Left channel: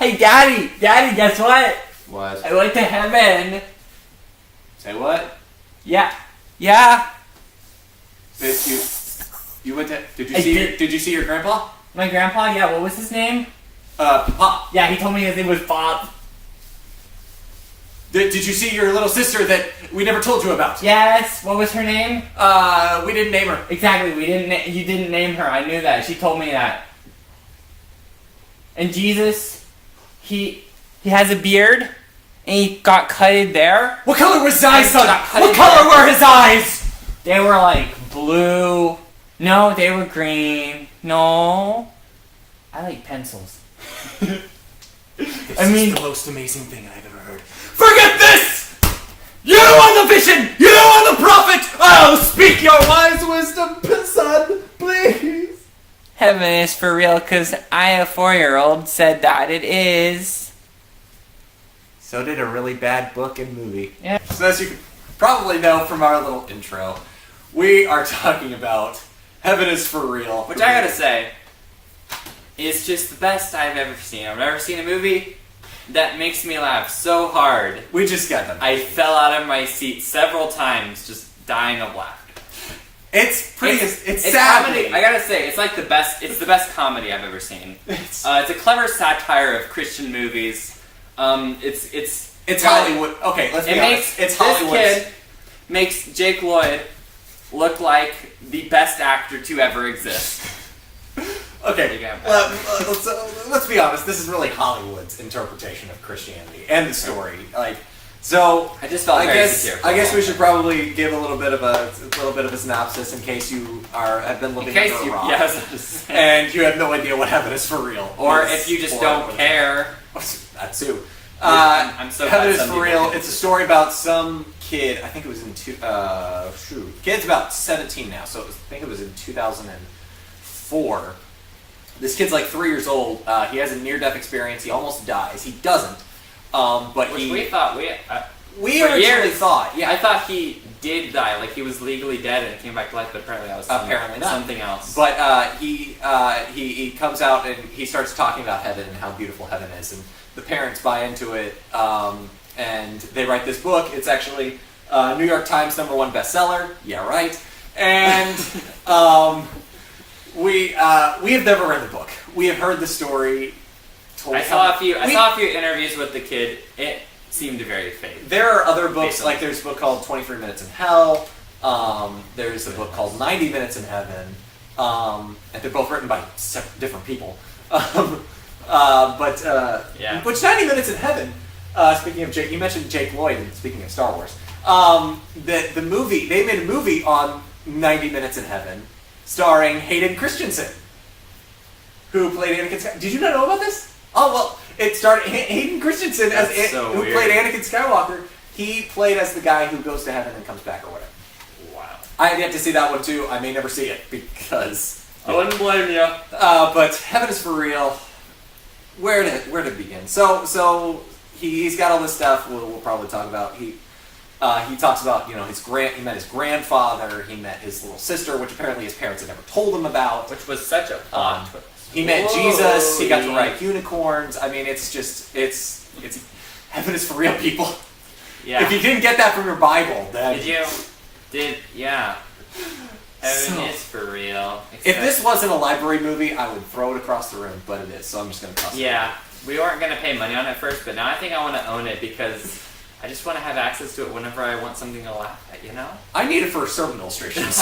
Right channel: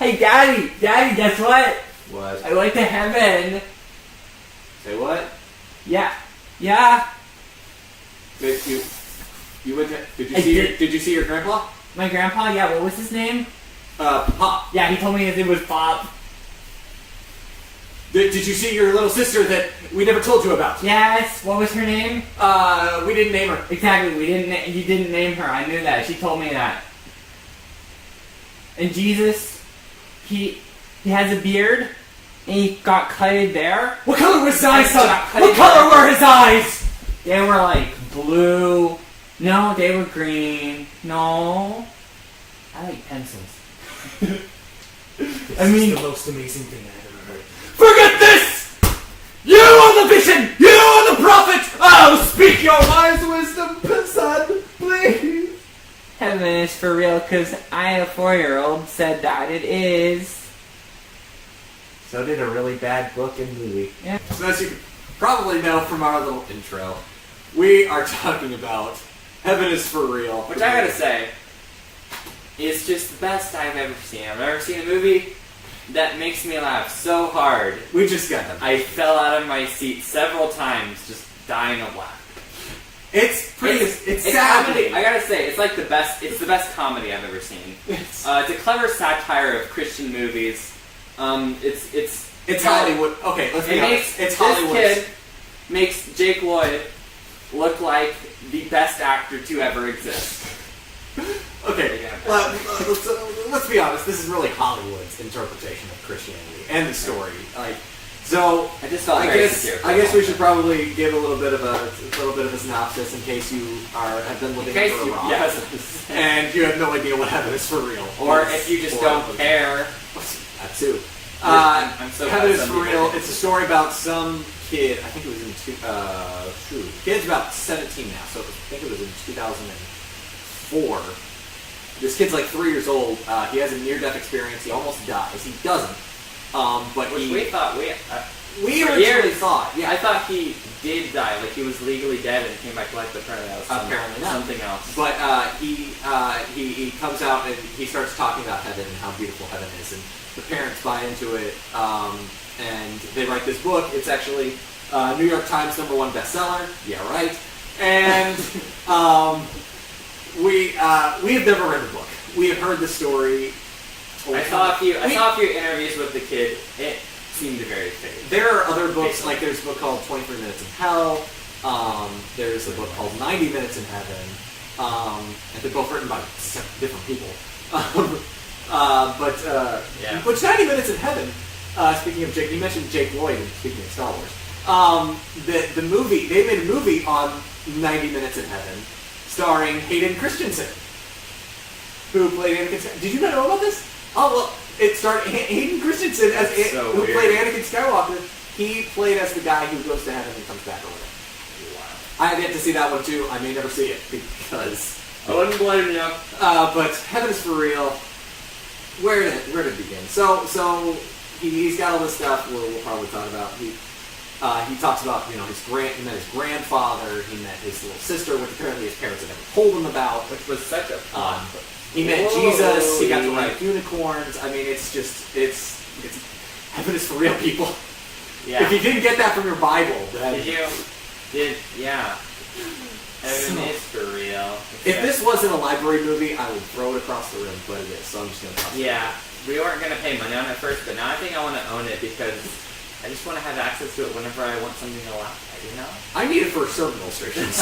Hey, Daddy, guess what? What? I went to heaven. Say what? Yeah. You went to? Did you see your grandpa? My grandpa? Yeah, what was his name? Pop. Yeah, he told me his name was Bob. Did you see your little sister that we never told you about? Yes, what was her name? We didn't name her. Exactly, you didn't name her, I knew that, she told me that. And Jesus, he has a beard, and he got cutted there. What color was his eyes, son? What color were his eyes? They were like blue. No, they were green. No. I like pencils. This is the most amazing thing I've ever heard. Forget this! You are the vision! You are the prophet! Oh, speak your wise wisdom, son, please! Heaven is for real, because I, a 4-year-old, said that it is. So did a really bad book and movie. Yeah. So as you probably know from our little intro, we are talking about Heaven is for Real. Which I gotta say, is just the best I've ever seen. I've never seen a movie that makes me laugh so hard. We just got them. I fell out of my seat several times, just dying of laughter. It's pretty. It's sad. comedy. I gotta say, it's like the best. It's the best comedy I've ever seen. It's a clever satire of Christian movies. It's Hollywood. Okay, let's be honest. It's Hollywood. This kid makes Jake Lloyd look like the best actor to ever exist. Okay, let's be honest. This is really Hollywood's interpretation of Christianity and the story. So I just felt I guess we should probably give a little bit of a synopsis in case you have been living under a rock, and you have no idea what Heaven is for real, or if you just don't care. That too. I'm so Heaven is for Real. It's a story about some kid. I think it was in kid's about 17 now, so I think it was in 2004. This kid's like 3 years old. He has a near-death experience. He almost dies. He doesn't. But we thought we originally thought. Yeah, I thought he did die. Like he was legally dead and came back to life. But apparently that was something else. But he comes out and he starts talking about heaven and how beautiful heaven is, and the parents buy into it. And they write this book. It's actually New York Times #1 bestseller. Yeah, right. And we have never read the book. We have heard the story. I saw a few interviews with the kid. It seemed very fake. There are other books, like there's a book called 23 Minutes in Hell. There's a book called 90 Minutes in Heaven. And they're both written by different people. Which 90 Minutes in Heaven, speaking of Jake, you mentioned Jake Lloyd, and speaking of Star Wars. The movie, they made a movie on 90 Minutes in Heaven, starring Hayden Christensen, who played Anakin Skywalker. Did you not know about this? Oh, well, it started Hayden Christensen who played Anakin Skywalker. He played as the guy who goes to heaven and comes back or whatever. Wow. I have yet to see that one too. I may never see it because I wouldn't blame you. But Heaven is for Real. Where to begin? So he's got all this stuff we'll probably talk about. He talks about he met his grandfather. He met his little sister, which apparently his parents had never told him about. Which was such a fun. He met Jesus. He got to ride unicorns. I mean, it's Heaven is for real, people. Yeah. If you didn't get that from your Bible, then Heaven is for real. If this wasn't a library movie, I would throw it across the room, but it is, so I'm just gonna toss it. Yeah, we weren't gonna pay money on it first, but now I think I want to own it because I just want to have access to it whenever I want something to laugh at. You know? I need it for sermon illustrations.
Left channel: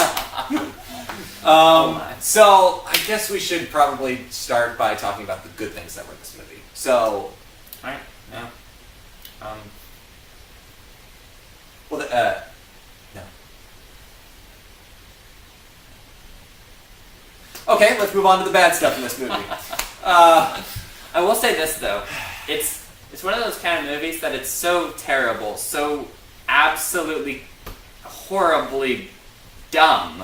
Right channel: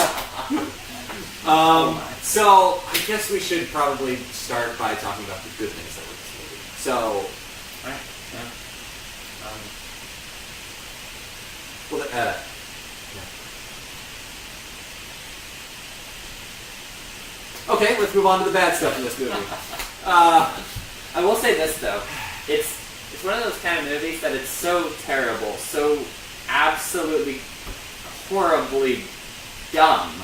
So I guess we should probably start by talking about the good things that were in this movie. So, alright, yeah. Okay, let's move on to the bad stuff in this movie. I will say this though, it's one of those kind of movies that it's so terrible, so absolutely horribly dumb.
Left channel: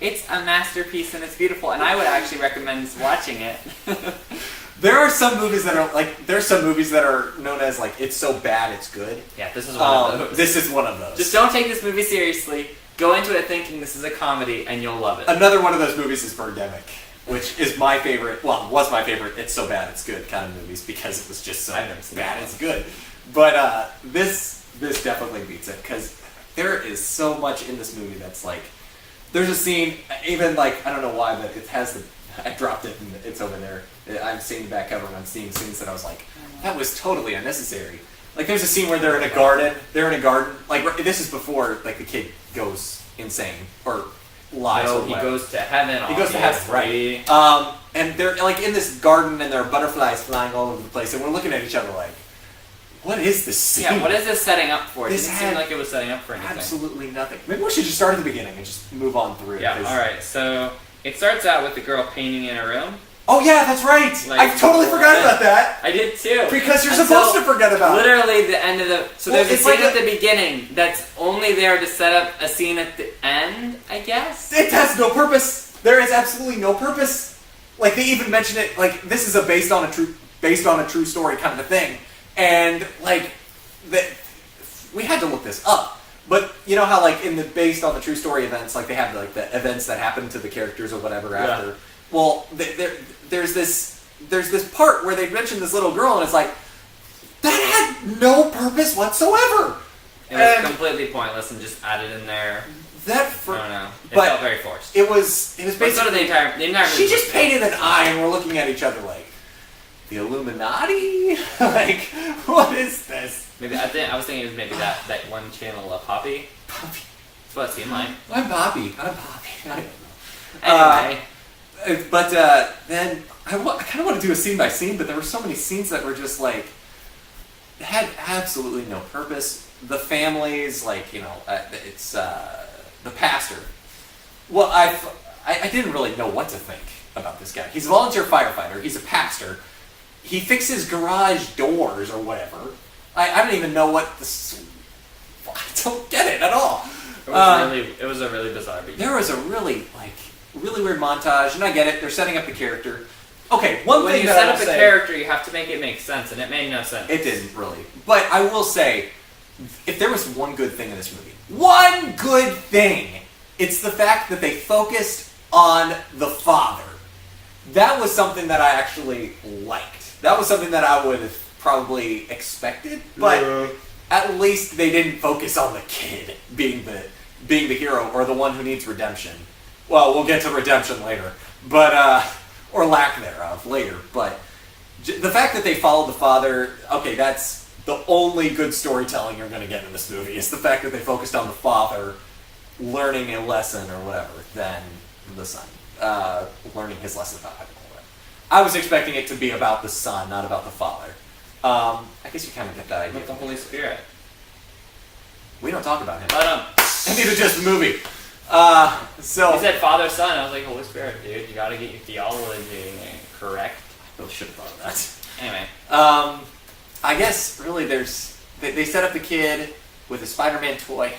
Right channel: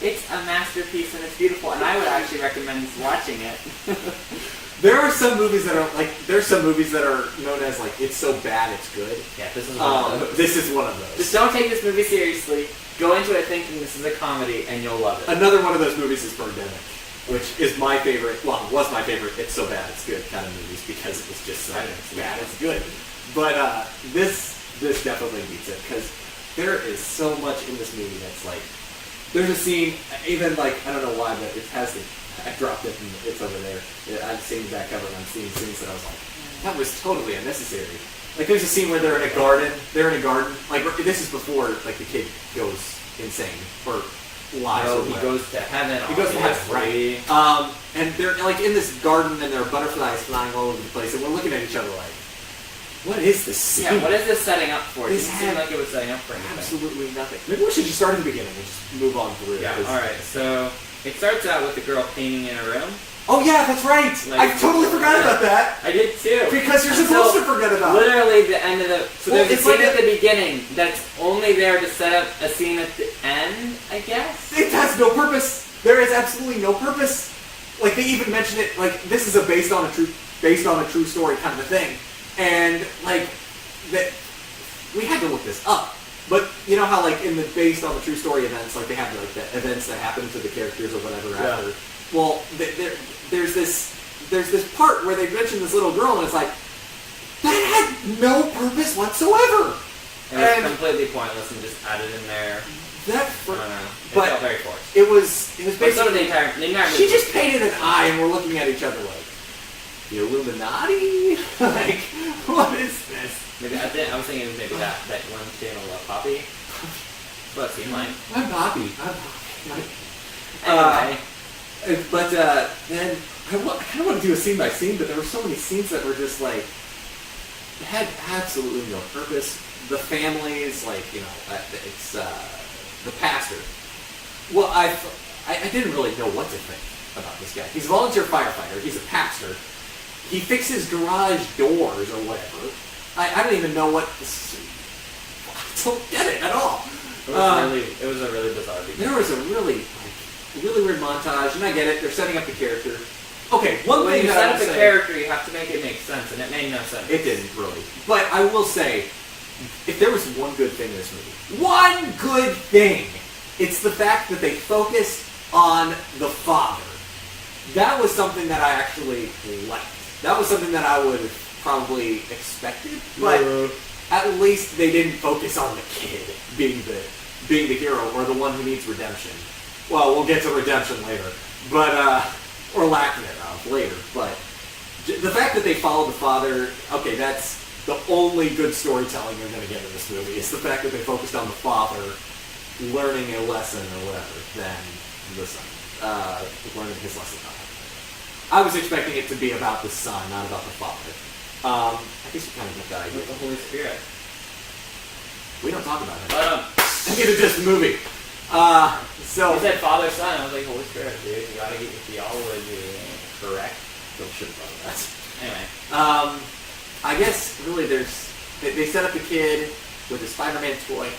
It's a masterpiece and it's beautiful, and I would actually recommend watching it. There are some movies that are known as like it's so bad it's good. Yeah, this is one of those. This is one of those. Just don't take this movie seriously. Go into it thinking this is a comedy, and you'll love it. Another one of those movies is Birdemic. which is my favorite. Well, was my favorite. It's so bad it's good kind of movies because it was just so I've never seen bad that it's good. But this definitely beats it because there is so much in this movie that's like. There's a scene, even like I don't know why, but it has the. I dropped it and it's over there. I'm seeing that cover and I'm seeing scenes that I was like, that was totally unnecessary. Like there's a scene where they're in a garden. Like this is before like the kid goes insane or lies. No, or he whatever. goes to heaven. He goes to heaven, obviously. right? And they're like in this garden and there are butterflies flying all over the place, and we're looking at each other like, what is this scene? Yeah, what is this setting up for? It This didn't seem had like it was setting up for anything. Absolutely nothing. Maybe we should just start at the beginning and just move on through. Yeah. 'cause- All right. So it starts out with the girl painting in a room. Oh yeah, that's right. Like- I totally forgot about that. I did too. Because you're Until supposed to forget about it. literally the end of the. So Well, there's a it's scene like at the beginning that's only there to set up a scene at the end, I guess. It has no purpose. There is absolutely no purpose. Like they even mention it. Like this is a based on a true story kind of a thing, and like that we had to look this up. But you know how like in the based on the true story events, like they have like the events that happen to the characters or whatever after. Well, there's this part where they mention this little girl, and it's like that had no purpose whatsoever. It was completely pointless and just added in there. That I don't know. It but felt very forced. it was But basically so did the entire she movie. just painted an eye, and we're looking at each other like the Illuminati. Like what is this? Maybe I was thinking maybe that one channel, Poppy. That's what it seemed like. I'm Bobby. Anyway. But then I kind of want to do a scene by scene, but there were so many scenes that were just like had absolutely no purpose. The families, like it's the pastor. Well, I didn't really know what to think about this guy. He's a volunteer firefighter. He's a pastor. He fixes garage doors or whatever. I don't even know what this. I don't get it at all. It was a really bizarre beginning. There was a really weird montage, and I get it. They're setting up the character. Okay, one When thing you that set I up will a say, character, you have to make it make sense, and it made no sense. it didn't really. But I will say, if there was one good thing in this movie, one good thing, it's the fact that they focused on the father. That was something that I actually liked. That was something that I would have probably expected, but at least they didn't focus on the kid being the hero or the one who needs redemption. Well, we'll get to redemption later, but or lack thereof later. But the fact that they followed the father, okay, that's the only good storytelling you're going to get in this movie. Is the fact that they focused on the father learning a lesson or whatever than the son learning his lesson about having a way. I was expecting it to be about the son, not about the father. I guess you kind of get that idea. With the Holy Spirit. We don't talk about him. But And neither does the movie. So you said Father, Son. I was like, Holy Spirit, dude. You gotta get your theology correct. I should have thought of that. Anyway. I guess really they set up the kid with a Spider-Man toy.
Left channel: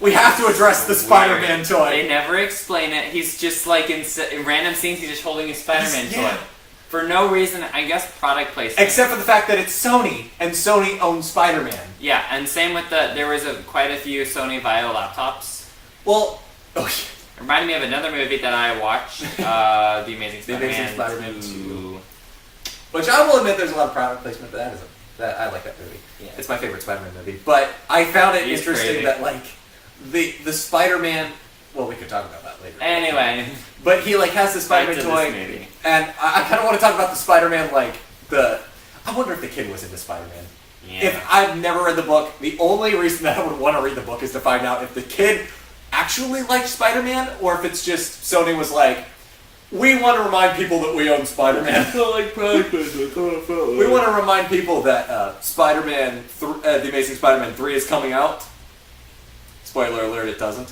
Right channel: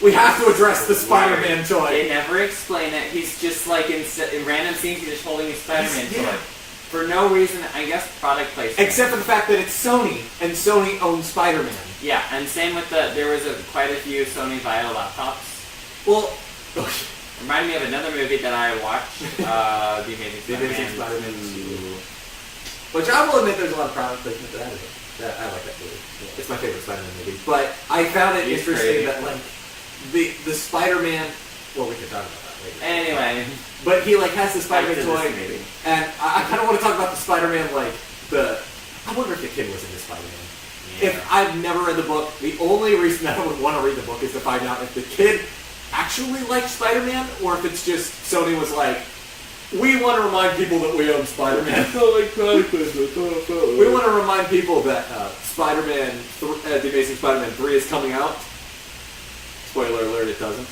We have to address the Spider-Man Weird. toy. They never explain it. He's just like in random scenes, he's just holding his Spider-Man Yeah. toy. For no reason, I guess product placement. Except for the fact that it's Sony, and Sony owns Spider-Man. Yeah, and same with there was quite a few Sony Vaio laptops. Well, Reminded me of another movie that I watched, The Amazing The Spider-Man. Amazing Spider-Man 2. Which I will admit there's a lot of product placement to that. I like that movie. Yeah. It's my favorite Spider-Man movie. But I found it He's interesting crazy. that like the Spider-Man. Well, we can talk about that later. Anyway, But he like has the Spider-Man back to toy, this movie. and I kind of want to talk about the Spider-Man like the. I wonder if the kid was into Spider-Man. Yeah. If I've never read the book, the only reason that I would want to read the book is to find out if the kid actually liked Spider-Man, or if it's just Sony was like, we want to remind people that we own Spider-Man. We want to remind people that Spider-Man, The Amazing Spider-Man 3 is coming out. Spoiler alert, it doesn't.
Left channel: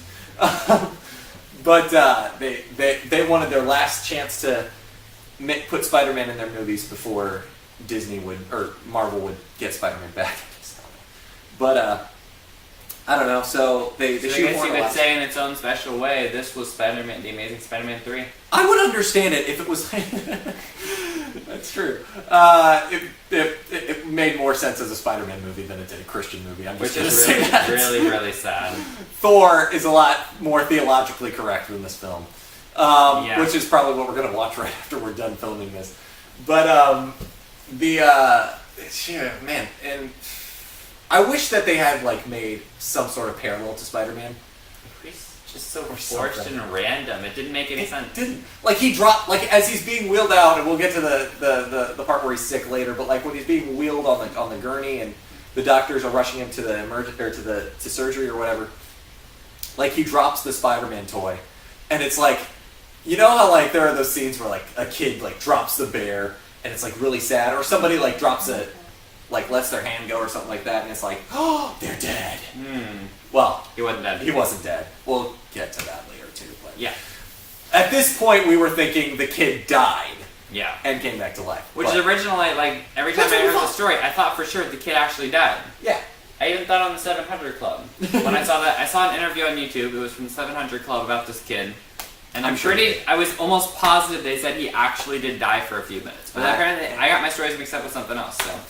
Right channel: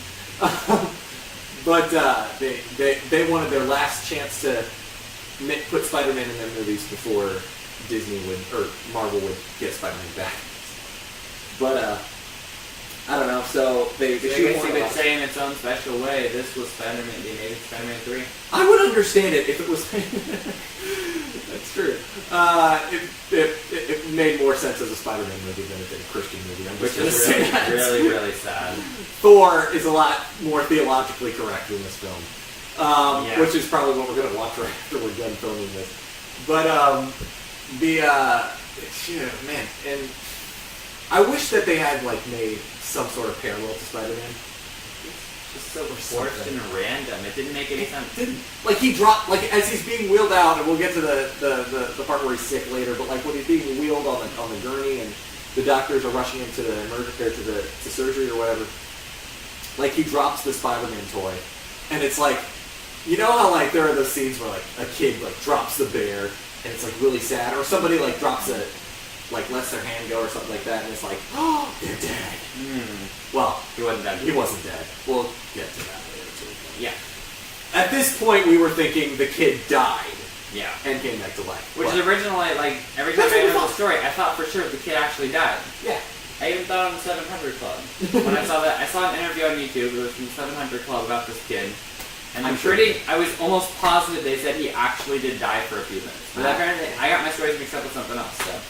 But they wanted their last chance to put Spider-Man in their movies before Disney would, or Marvel would get Spider-Man back. But I don't know. So they So I shoot guess more you a could lot. say in its own special way, this was Spider-Man, The Amazing Spider-Man 3. I would understand it if it was. That's true. It made more sense as a Spider-Man movie than it did a Christian movie. I'm just Which gonna is say really, that. really, really sad. Thor is a lot more theologically correct than this film. Yeah. which is probably what we're gonna watch right after we're done filming this. But man, and I wish that they had like made some sort of parallel to Spider-Man. It's just so Or forced something. and random. It didn't make any It sense. didn't. Like he dropped, like as he's being wheeled out, and we'll get to the part where he's sick later. But like when he's being wheeled on the gurney, and the doctors are rushing him to the to surgery or whatever. Like he drops the Spider-Man toy, and it's like, you know how like there are those scenes where like a kid like drops the bear, and it's like really sad, or somebody like drops a like lets their hand go or something like that, and it's like, oh, they're dead. Well, He wasn't dead. he wasn't dead. We'll get to that later too. But Yeah. at this point, we were thinking the kid died Yeah. and came back to life. Which But- is originally, like, every time That's I what we heard the thought. story, I thought for sure the kid actually died. yeah. I even thought on the 700 Club. When I saw that, I saw an interview on YouTube. It was from the 700 Club about this kid. And I'm sure I was almost positive they said he actually did die for a few minutes. But Ah. apparently, I got my stories mixed up with something else, so.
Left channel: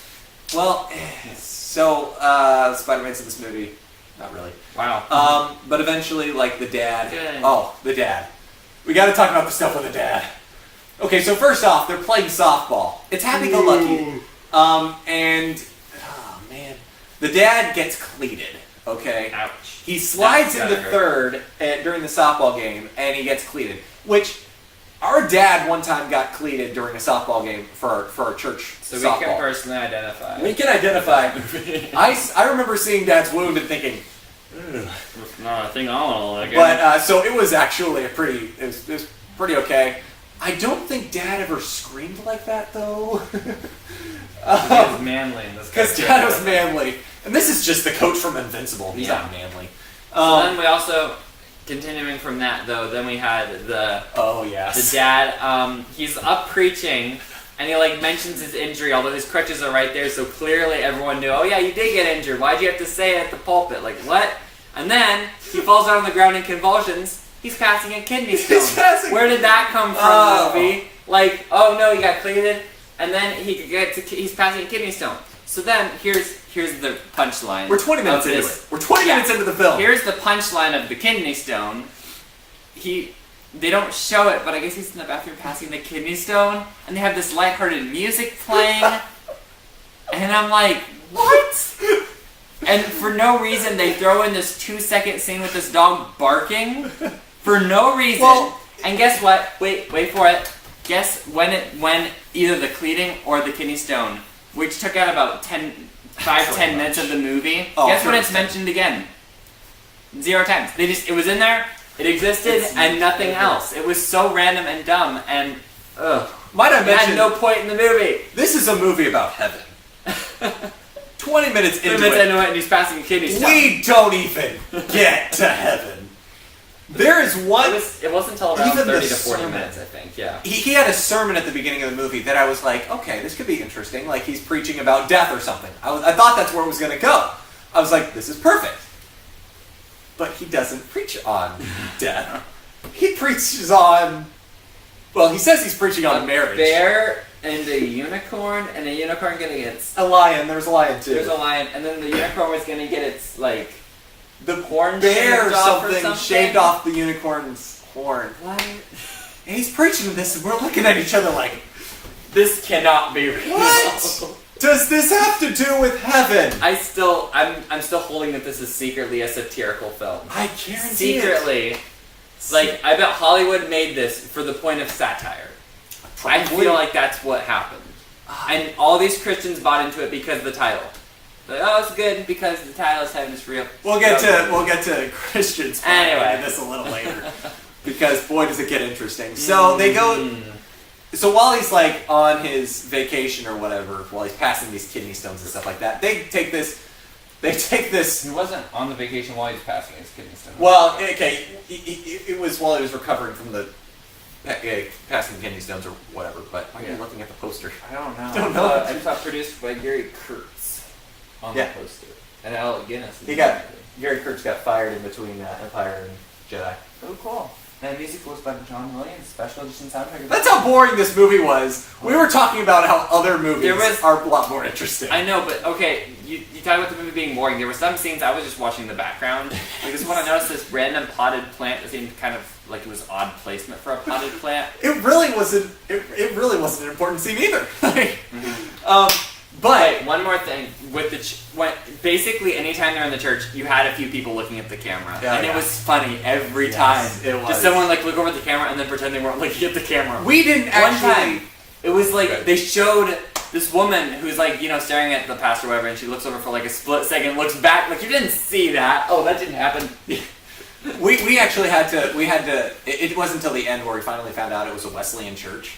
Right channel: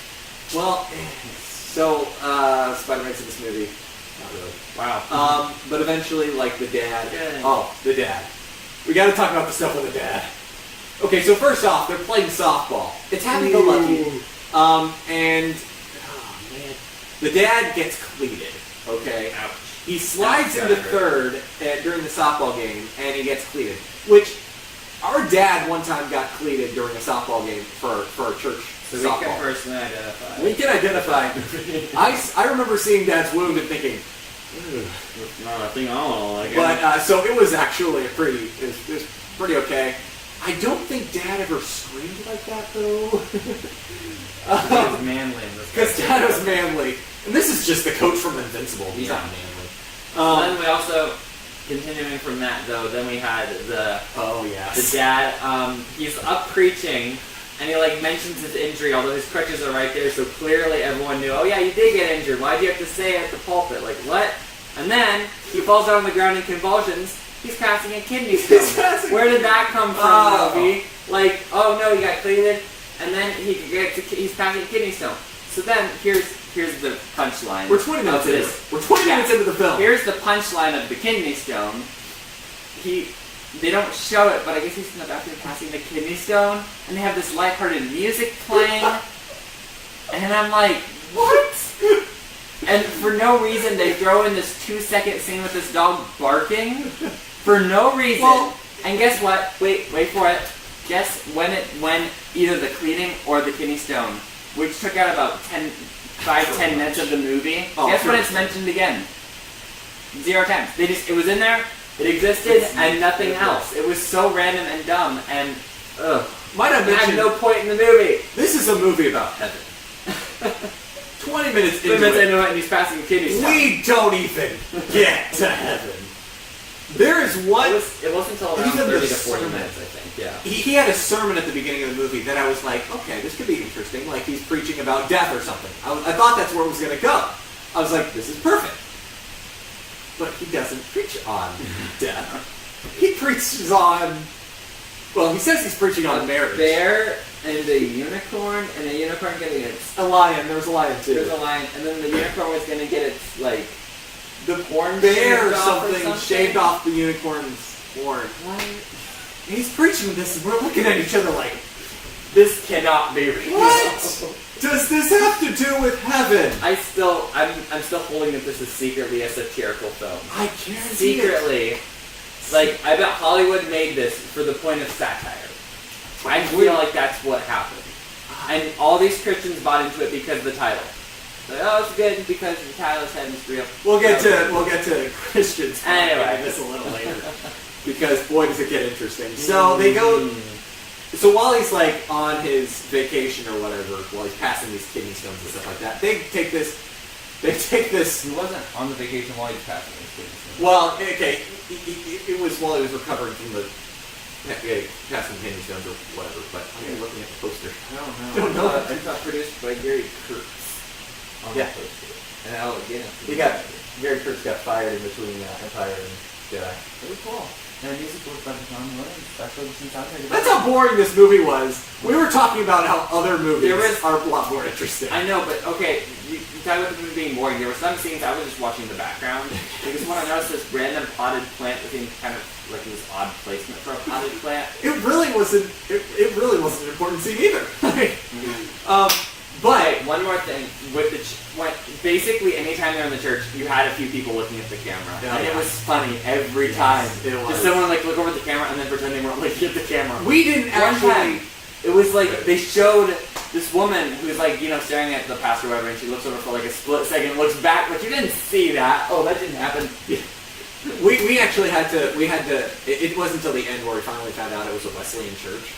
Well, so Spider-Man's in this movie. Not really. Wow. But eventually, like the dad. Good. Oh, the dad. We got to talk about the stuff with the dad. Okay, so first off, they're playing softball. It's happy-go-lucky. And oh man, the dad gets cleated. Okay. Ouch. He slides That's into gotta third during the softball game, and he gets cleated. Which our dad one time got cleated during a softball game for a church So we softball. can personally identify. We can identify. I remember seeing Dad's wound and thinking, ugh. I think I'll like But so it was actually it was pretty okay. I don't think Dad ever screamed like that though. He was manly in this. Because Dad was manly, and this is just the coach from Invincible. He's Yeah. not manly. Then we also, continuing from that though, then we had the Oh yes. dad. He's up preaching, and he like mentions his injury, although his crutches are right there, so clearly everyone knew. Oh yeah, you did get injured. Why'd you have to say it at the pulpit? Like what? And then he falls out on the ground in convulsions. He's passing a kidney stone. He's passing- Where did that come from, Oh. movie? Like, oh no, he got cleated, and then he's passing a kidney stone. So then here's the punchline. We're 20 minutes of into this. it. We're 20 Yeah. minutes into the film. Here's the punchline of the kidney stone. They don't show it, but I guess he's in the bathroom passing the kidney stone, and they have this lighthearted music playing, and I'm like, what? And for no reason, they throw in this 2-second scene with this dog barking for no reason. Well- and guess what? Wait for it. Guess when either the cleating or the kidney stone, which took out about 10 minutes of the movie. Oh, Guess when sure. it's mentioned again? 0 times. It was in there, it existed, It's- and nothing else. It was so random and dumb, and ugh. Might I It had mention, no point in the movie. this is a movie about heaven. 20 minutes 2 into minutes it, into it, and he's passing a kidney stone. we don't even get to heaven. There is one. It wasn't until around Even the 30 to 40 sermon. minutes, I think. Yeah. He had a sermon at the beginning of the movie that I was like, okay, this could be interesting. Like he's preaching about death or something. I thought that's where it was going to go. I was like, this is perfect. But he doesn't preach on death. He preaches on. Well, he says he's preaching on marriage. Bear and a unicorn, and a unicorn gonna get its. A lion. There's a lion too. There's a lion, and then the unicorn was gonna get its like the horn bear shaved off or something shaved off the unicorn's horn. What? And he's preaching this, and we're looking at each other like, This cannot be real. what does this have to do with heaven? I'm still holding that this is secretly a satirical film. I guarantee it. Secretly, like I bet Hollywood made this for the point of satire. I Probably. feel like that's what happened, and all these Christians bought into it because of the title. Like, oh, it's good because the title is Heaven's Real. We'll get to Christians Anyway. in this a little later because boy does it get interesting. So they go. So while he's like on his vacation or whatever, while he's passing these kidney stones and stuff like that, they take this. He wasn't on the vacation while he was passing his kidney stone. Well, okay, it was while he was recovering from the passing kidney stones or whatever. But I'm looking at the poster. I don't know. Don't know. I thought produced by Gary Kurtz on Yeah. the poster. And Alec Guinness. Gary Kurtz got fired in between Empire and Jedi. Oh, cool. The music was by the John Williams special edition soundtrack. That's how boring this movie was. We were talking about how other movies There was- are a lot more interesting. I know, but okay, you talk about the movie being boring. There were some scenes I was just watching the background because when I noticed this random potted plant that seemed kind of like it was odd placement for a potted plant. It really wasn't. It really wasn't an important scene either. But Wait, one more thing with basically anytime they're in the church, you had a few people looking at the camera, Yeah, and yeah. it was funny every Yes, time. it was. Just someone like look over at the camera and then pretend they weren't looking at the camera. we didn't One actually. time, it was like they showed this woman who's like staring at the pastor or whatever, and she looks over for like a split second, looks back, but you didn't see that. Oh, that didn't happen. We actually had to. We had to. It wasn't until the end where we finally found out it was a Wesleyan church.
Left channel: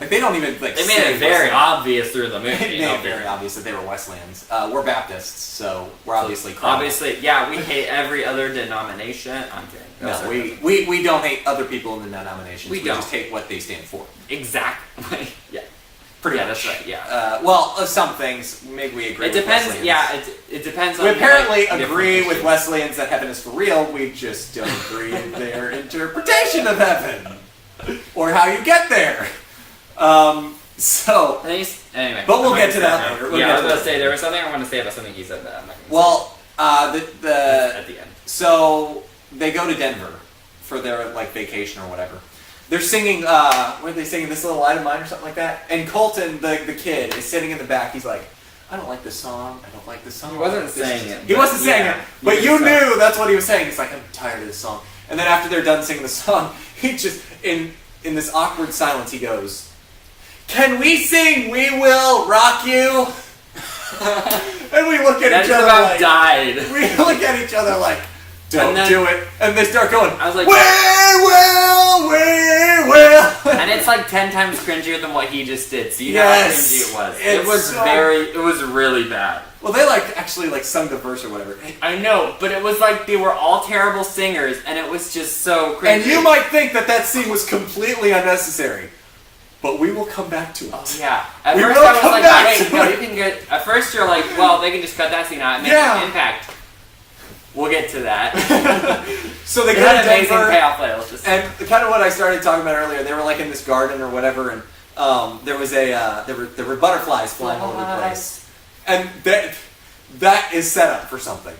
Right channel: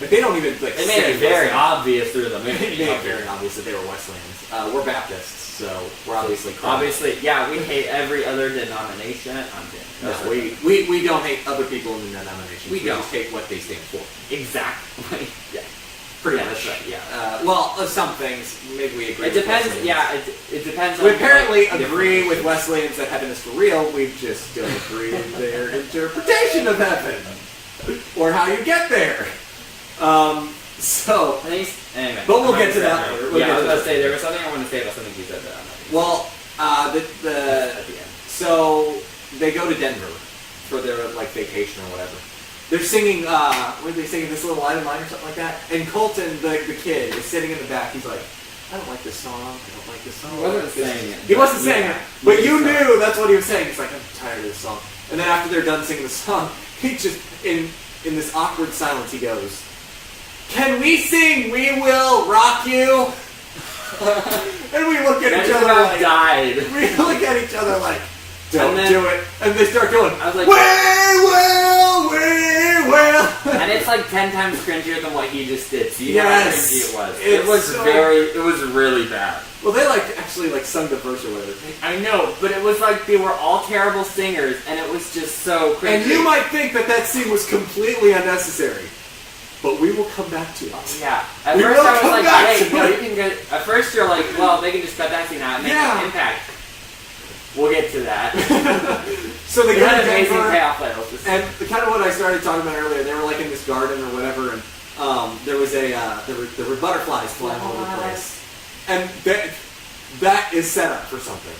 Like they don't even like. They made say it very Wesleyan. obvious through the They movie. made it very obvious that they were Wesleyans. We're Baptists, so we're obviously. criminals. Obviously, yeah, we hate every other denomination. I'm kidding. No, we don't hate other people in the denominations. We don't. just hate what they stand for. Exactly. Yeah. Pretty much. That's right. Yeah. Some things maybe we agree. It with depends. Wesleyans. Yeah, it depends on. We apparently like, agree different with Wesleyans that heaven is for real. We just don't agree in their interpretation of heaven or how you get there. So, Anyway, But we'll I'm get to not that gonna- later. We'll Yeah, get I was to gonna that say later. there was something I want to say about something you said that I'm not. well, at the end. so they go to Denver for their like vacation or whatever. They're singing. What are they singing? This Little Light of Mine or something like that. And Colton, the kid, is sitting in the back. He's like, I don't like this song. I don't like this song. He wasn't I like this." saying it, He but wasn't saying yeah, it. But he you was knew that's what he was saying. He's like, I'm tired of this song. And then after they're done singing the song, he just in this awkward silence, he goes, "Can we sing 'We Will Rock You'?" And we look at That each just other about like, died. we look at each other like, don't And then- do it. And they start going, I was like- we will. And it's like 10 times cringier than what he just did. So you Yes, know how cringy it was. It it's was so- it was really bad. Well, they actually sung the verse or whatever. I know, but it was like they were all terrible singers, and it was just so cringy. And you might think that scene was completely unnecessary. But we will come back to it. Yeah. At We first will I was come like, back wait, to no, it. you can get. At first you're like, well, they can just cut that scene out and make Yeah. an impact. We'll get to that. So they It go had to amazing Denver, payoff later. Let's just and kind of what I started talking about earlier. They were like in this garden or whatever, and there was there were butterflies flying all over the place, and that is set up for something.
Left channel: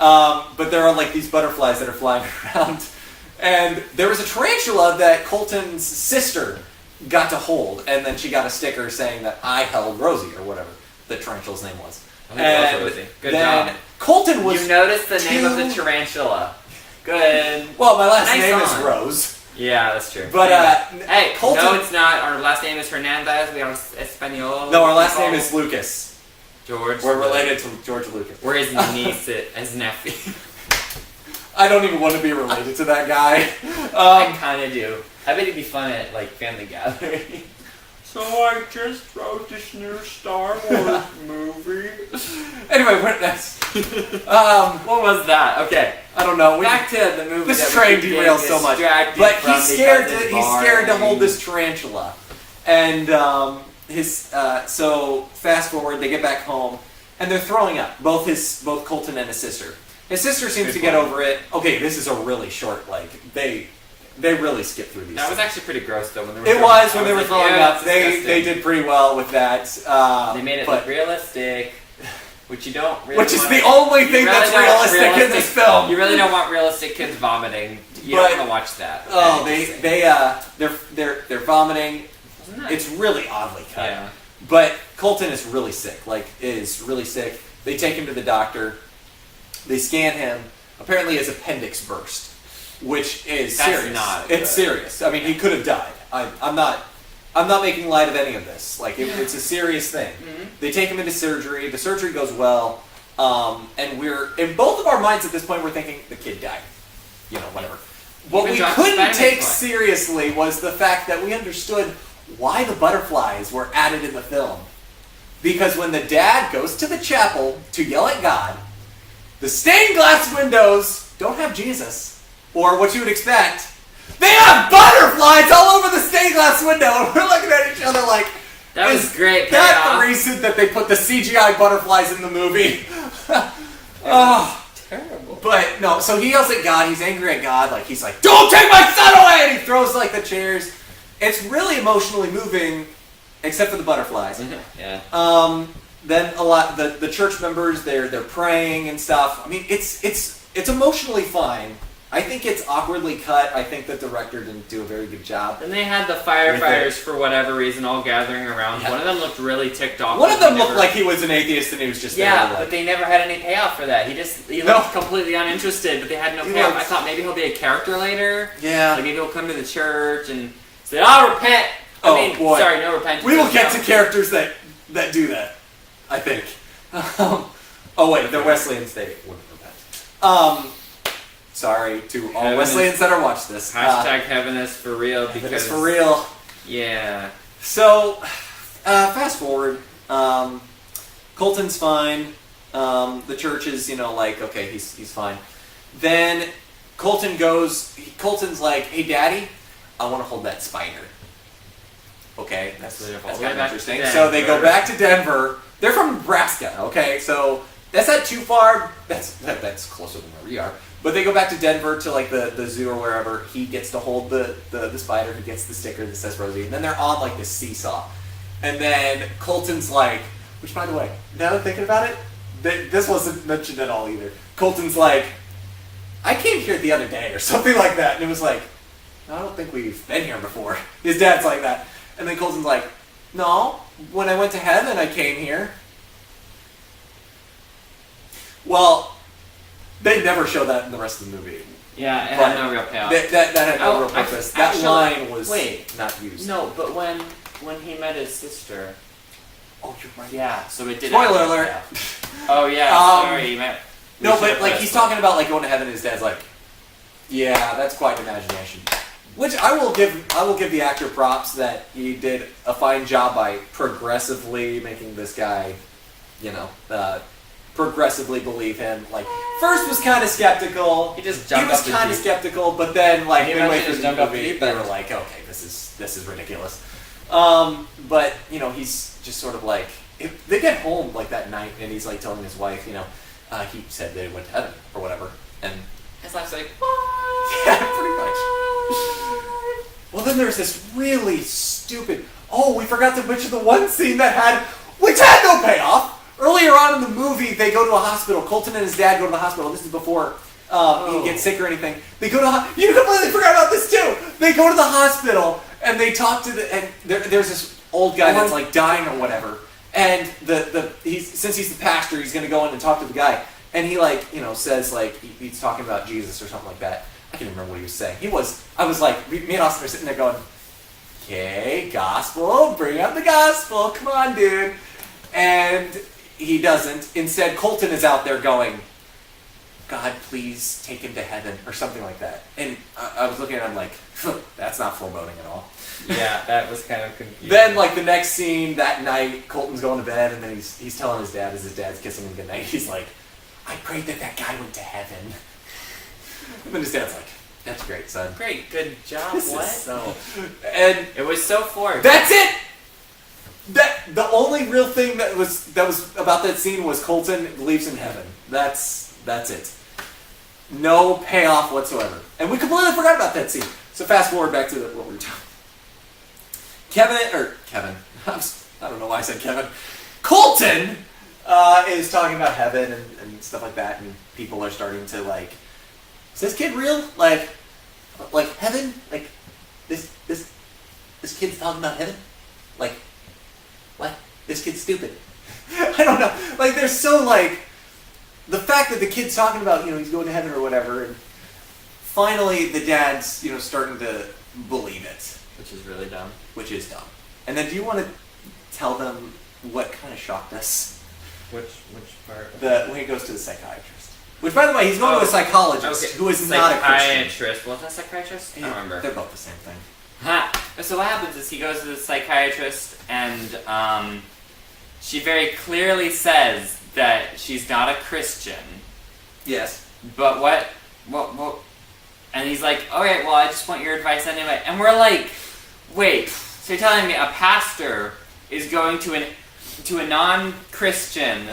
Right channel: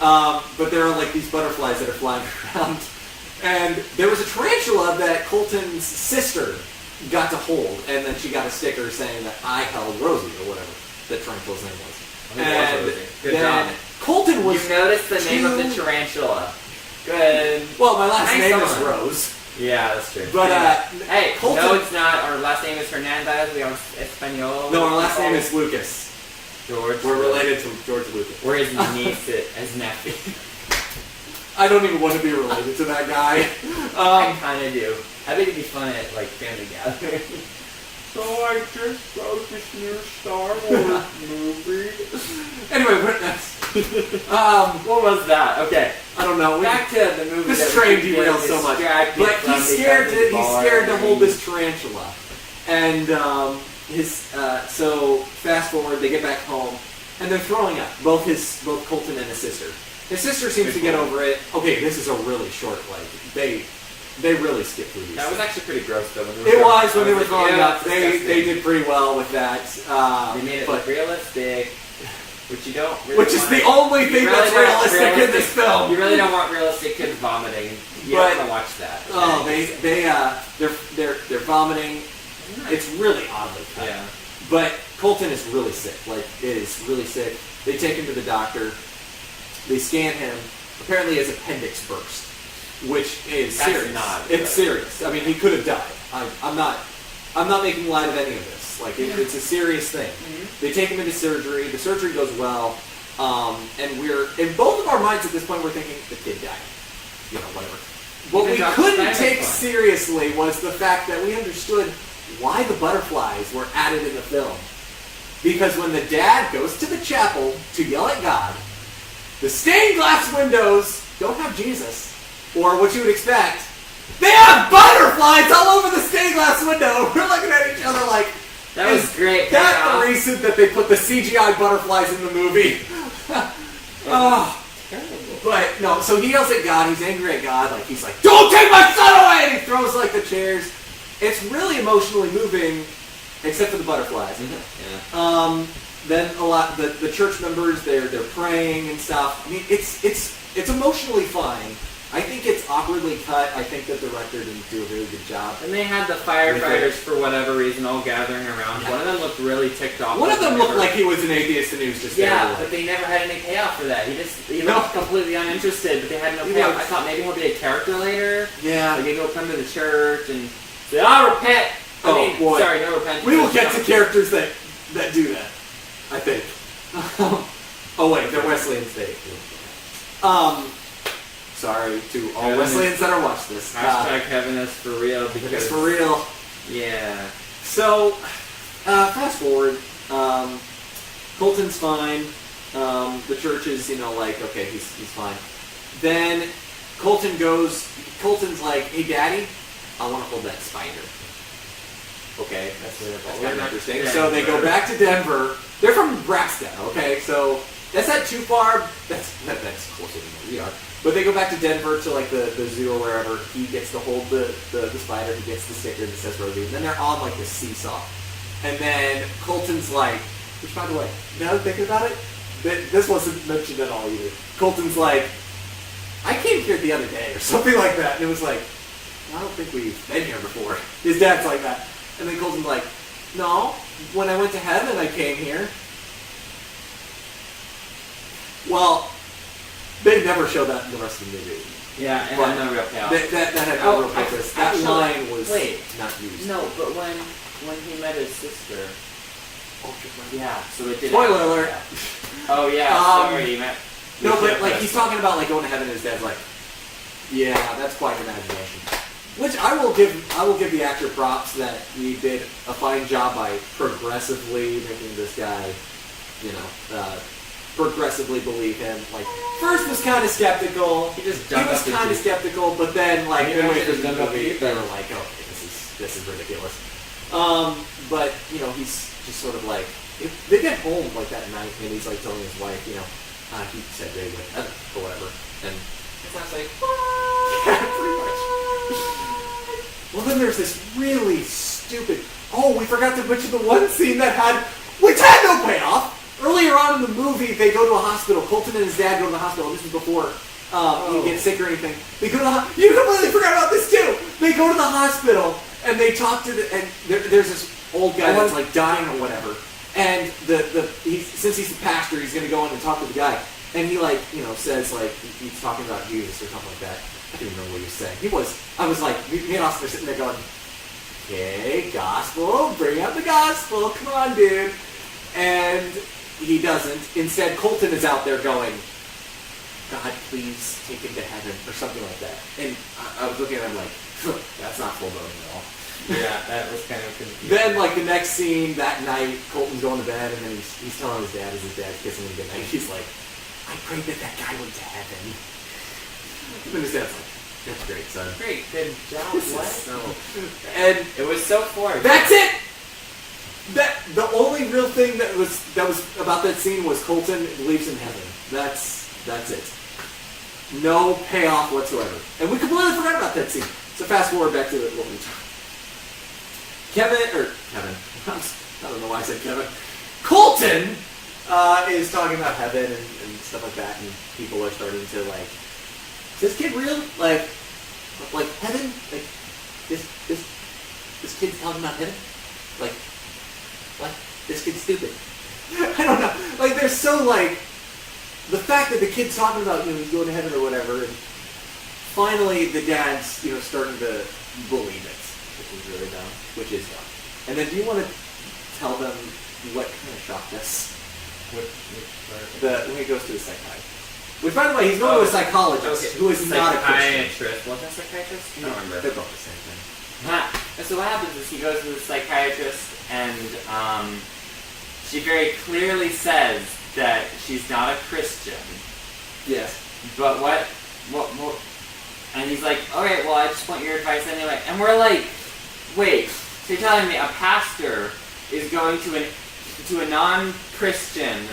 But there are like these butterflies that are flying around, and there was a tarantula that Colton's sister got to hold, and then she got a sticker saying that I held Rosie or whatever the tarantula's name was. I think it was Rosie. Good then job. Colton was You noticed the name of the too- tarantula. Good. well, my last Nice name is song. Rose, Yeah, that's true. but hey, Colton. no, it's not. Our last name is Hernandez. We are Espanol. No, our last name is Lucas. George. We're related to George Lucas. We're his niece, his nephew. I don't even want to be related to that guy. I kind of do. I bet it'd be fun at like family gatherings. So I just wrote this new Star Wars movie. Anyway, that's. What was that? Okay, I don't know. back to the movie. This that we train keep derails getting so much. distracted But from he's scared. because it's He's scared to hold boring. this tarantula, and so fast forward, they get back home, and they're throwing up. Both Colton and his sister. His sister seems Good to get point. over it. Okay, this is a really short. Like they really skip through these. That was things. actually pretty gross though. When they were It throwing was up. when I they were like, throwing yeah, up. that's They disgusting. did pretty well with that. They made it but- look realistic, which you don't. Really which is wanna- the only you thing really that's don't want realistic in this film. You really don't want realistic kids vomiting. You But- don't want to watch that. Oh, they're vomiting. Isn't that- It's really oddly cut. yeah. But Colton is really sick. Like, is really sick. They take him to the doctor. They scan him. Apparently, his appendix burst, which is That's serious. not It's good. serious. I mean, he could have died. I'm not making light of any of this. Like, it's a serious thing. Mhm. They take him into surgery. The surgery goes well, and we're in both of our minds at this point. We're thinking the kid died. You know, whatever. What Even we John couldn't Steinbeck's take point. seriously was the fact that we understood why the butterflies were added in the film. Because when the dad goes to the chapel to yell at God, the stained glass windows don't have Jesus, or what you would expect. They have butterflies all over the stained glass window, and we're looking at each other like, That was is great that payoff. the reason that they put the CGI butterflies in the movie? Oh, Terrible. But no, so he yells at God. He's angry at God. Like he's like, "Don't take my son away!" And he throws like the chairs. It's really emotionally moving, except for the butterflies. Yeah. Then a lot the church members they're praying and stuff. I mean, it's emotionally fine. I think it's awkwardly cut. I think the director didn't do a very good job. And they had the firefighters, for whatever reason, all gathering around. Yeah. One of them looked really ticked off. One of them looked like he was an atheist and he was just yeah, there, like, but they never had any payoff for that. He looked completely uninterested, but they had no He payoff. was- I thought maybe he'll be a character later. yeah. Like maybe he'll come to the church and say, "I'll repent." Oh, I mean, boy. sorry, no repentance. We will get No. to characters that do that. I think. Oh wait, they're Wesleyan State. Sorry to all Heaven Wesleyans that are watching this. Hashtag heaven is for real because It's for real. Yeah. So, fast forward. Colton's fine. The church is, like, okay, he's fine. Then Colton's like, "Hey, Daddy, I want to hold that spider." Okay, that's kind of interesting. Denver. So they go back to Denver. They're from Nebraska. Okay, so that's not too far. That's closer than where we are. But they go back to Denver to like the zoo or wherever. He gets to hold the spider. He gets the sticker that says Rosie. And then they're on like the seesaw. And then Colton's like, which by the way, now that I'm thinking about it, this wasn't mentioned at all either. Colton's like, "I came here the other day," or something like that. And it was like, "I don't think we've been here before." His dad's like that. And then Colton's like, "No, when I went to heaven, I came here." Well, they never show that in the rest of the movie. Yeah, it But had no real payoff. That had no Oh, real purpose. actually, That line was wait. not used. No, but when he met his sister. Oh, you're right. Yeah, so it did. Spoiler have no alert. payoff. Oh yeah, sorry. He met. No, we but should've like put he's it- talking about like going to heaven, and his dad's like, "Yeah, that's quite an imagination." Which I will give the actor props that he did a fine job by progressively making this guy, progressively believe him. Like first was kind of skeptical. He just He jumped was up the kind of deep. skeptical, but then like Maybe midway I through should've the jumped up the movie, deep they end. were like, "Okay, this is ridiculous." But he's just sort of like they get home like that night, and he's like telling his wife, he said they went to heaven or whatever, and His wife's like, yeah, pretty much. Well, then there's this really stupid. Oh, we forgot to mention the one scene which had no payoff. Earlier on in the movie, they go to a hospital. Colton and his dad go to the hospital. This is before he gets sick or anything. They go to you completely forgot about this too. They go to the hospital and they talk to there's this old guy that's like dying or whatever. And since he's the pastor, he's gonna go in and talk to the guy. And he says like he's talking about Jesus or something like that. I can't remember what he was saying. I was like, me and Austin are sitting there going, "Okay, gospel, bring up the gospel, come on, dude." And he doesn't. Instead, Colton is out there going, "God, please take him to heaven," or something like that. And I was looking at him like, that's not foreboding at all. yeah, that was kind of confusing. Then, like, the next scene, that night, Colton's going to bed, and then he's telling his dad as his dad's kissing him goodnight. He's like, "I prayed that guy went to heaven." And then his dad's like, "That's great, son." Great, good job. This is What? so... And It was so forced. that's it! The only real thing that was about that scene was Colton believes in heaven. That's it. No payoff whatsoever. And we completely forgot about that scene. So fast forward back to what we were talking. Kevin. I don't know why I said Kevin. Colton is talking about heaven and stuff like that, and people are starting to like, "Is this kid real? Like heaven? Like this kid's talking about heaven? Like what? This kid's stupid." I don't know. Like they're so like the fact that the kid's talking about he's going to heaven or whatever, and finally the dad's starting to believe it, which is really dumb. Which is dumb. And then do you want to tell them what kind of shocked us? Which part? When he goes to the psychiatrist. Which, by the way, he's going to a psychologist who is not a Christian. Psychiatrist. Wasn't that psychiatrist? I don't remember. They're both the same thing. So what happens is he goes to the psychiatrist, and she very clearly says that she's not a Christian. Yes. But what? And he's like, "Okay, well, I just want your advice anyway." And we're like, "Wait, so you're telling me a pastor is going to a non-Christian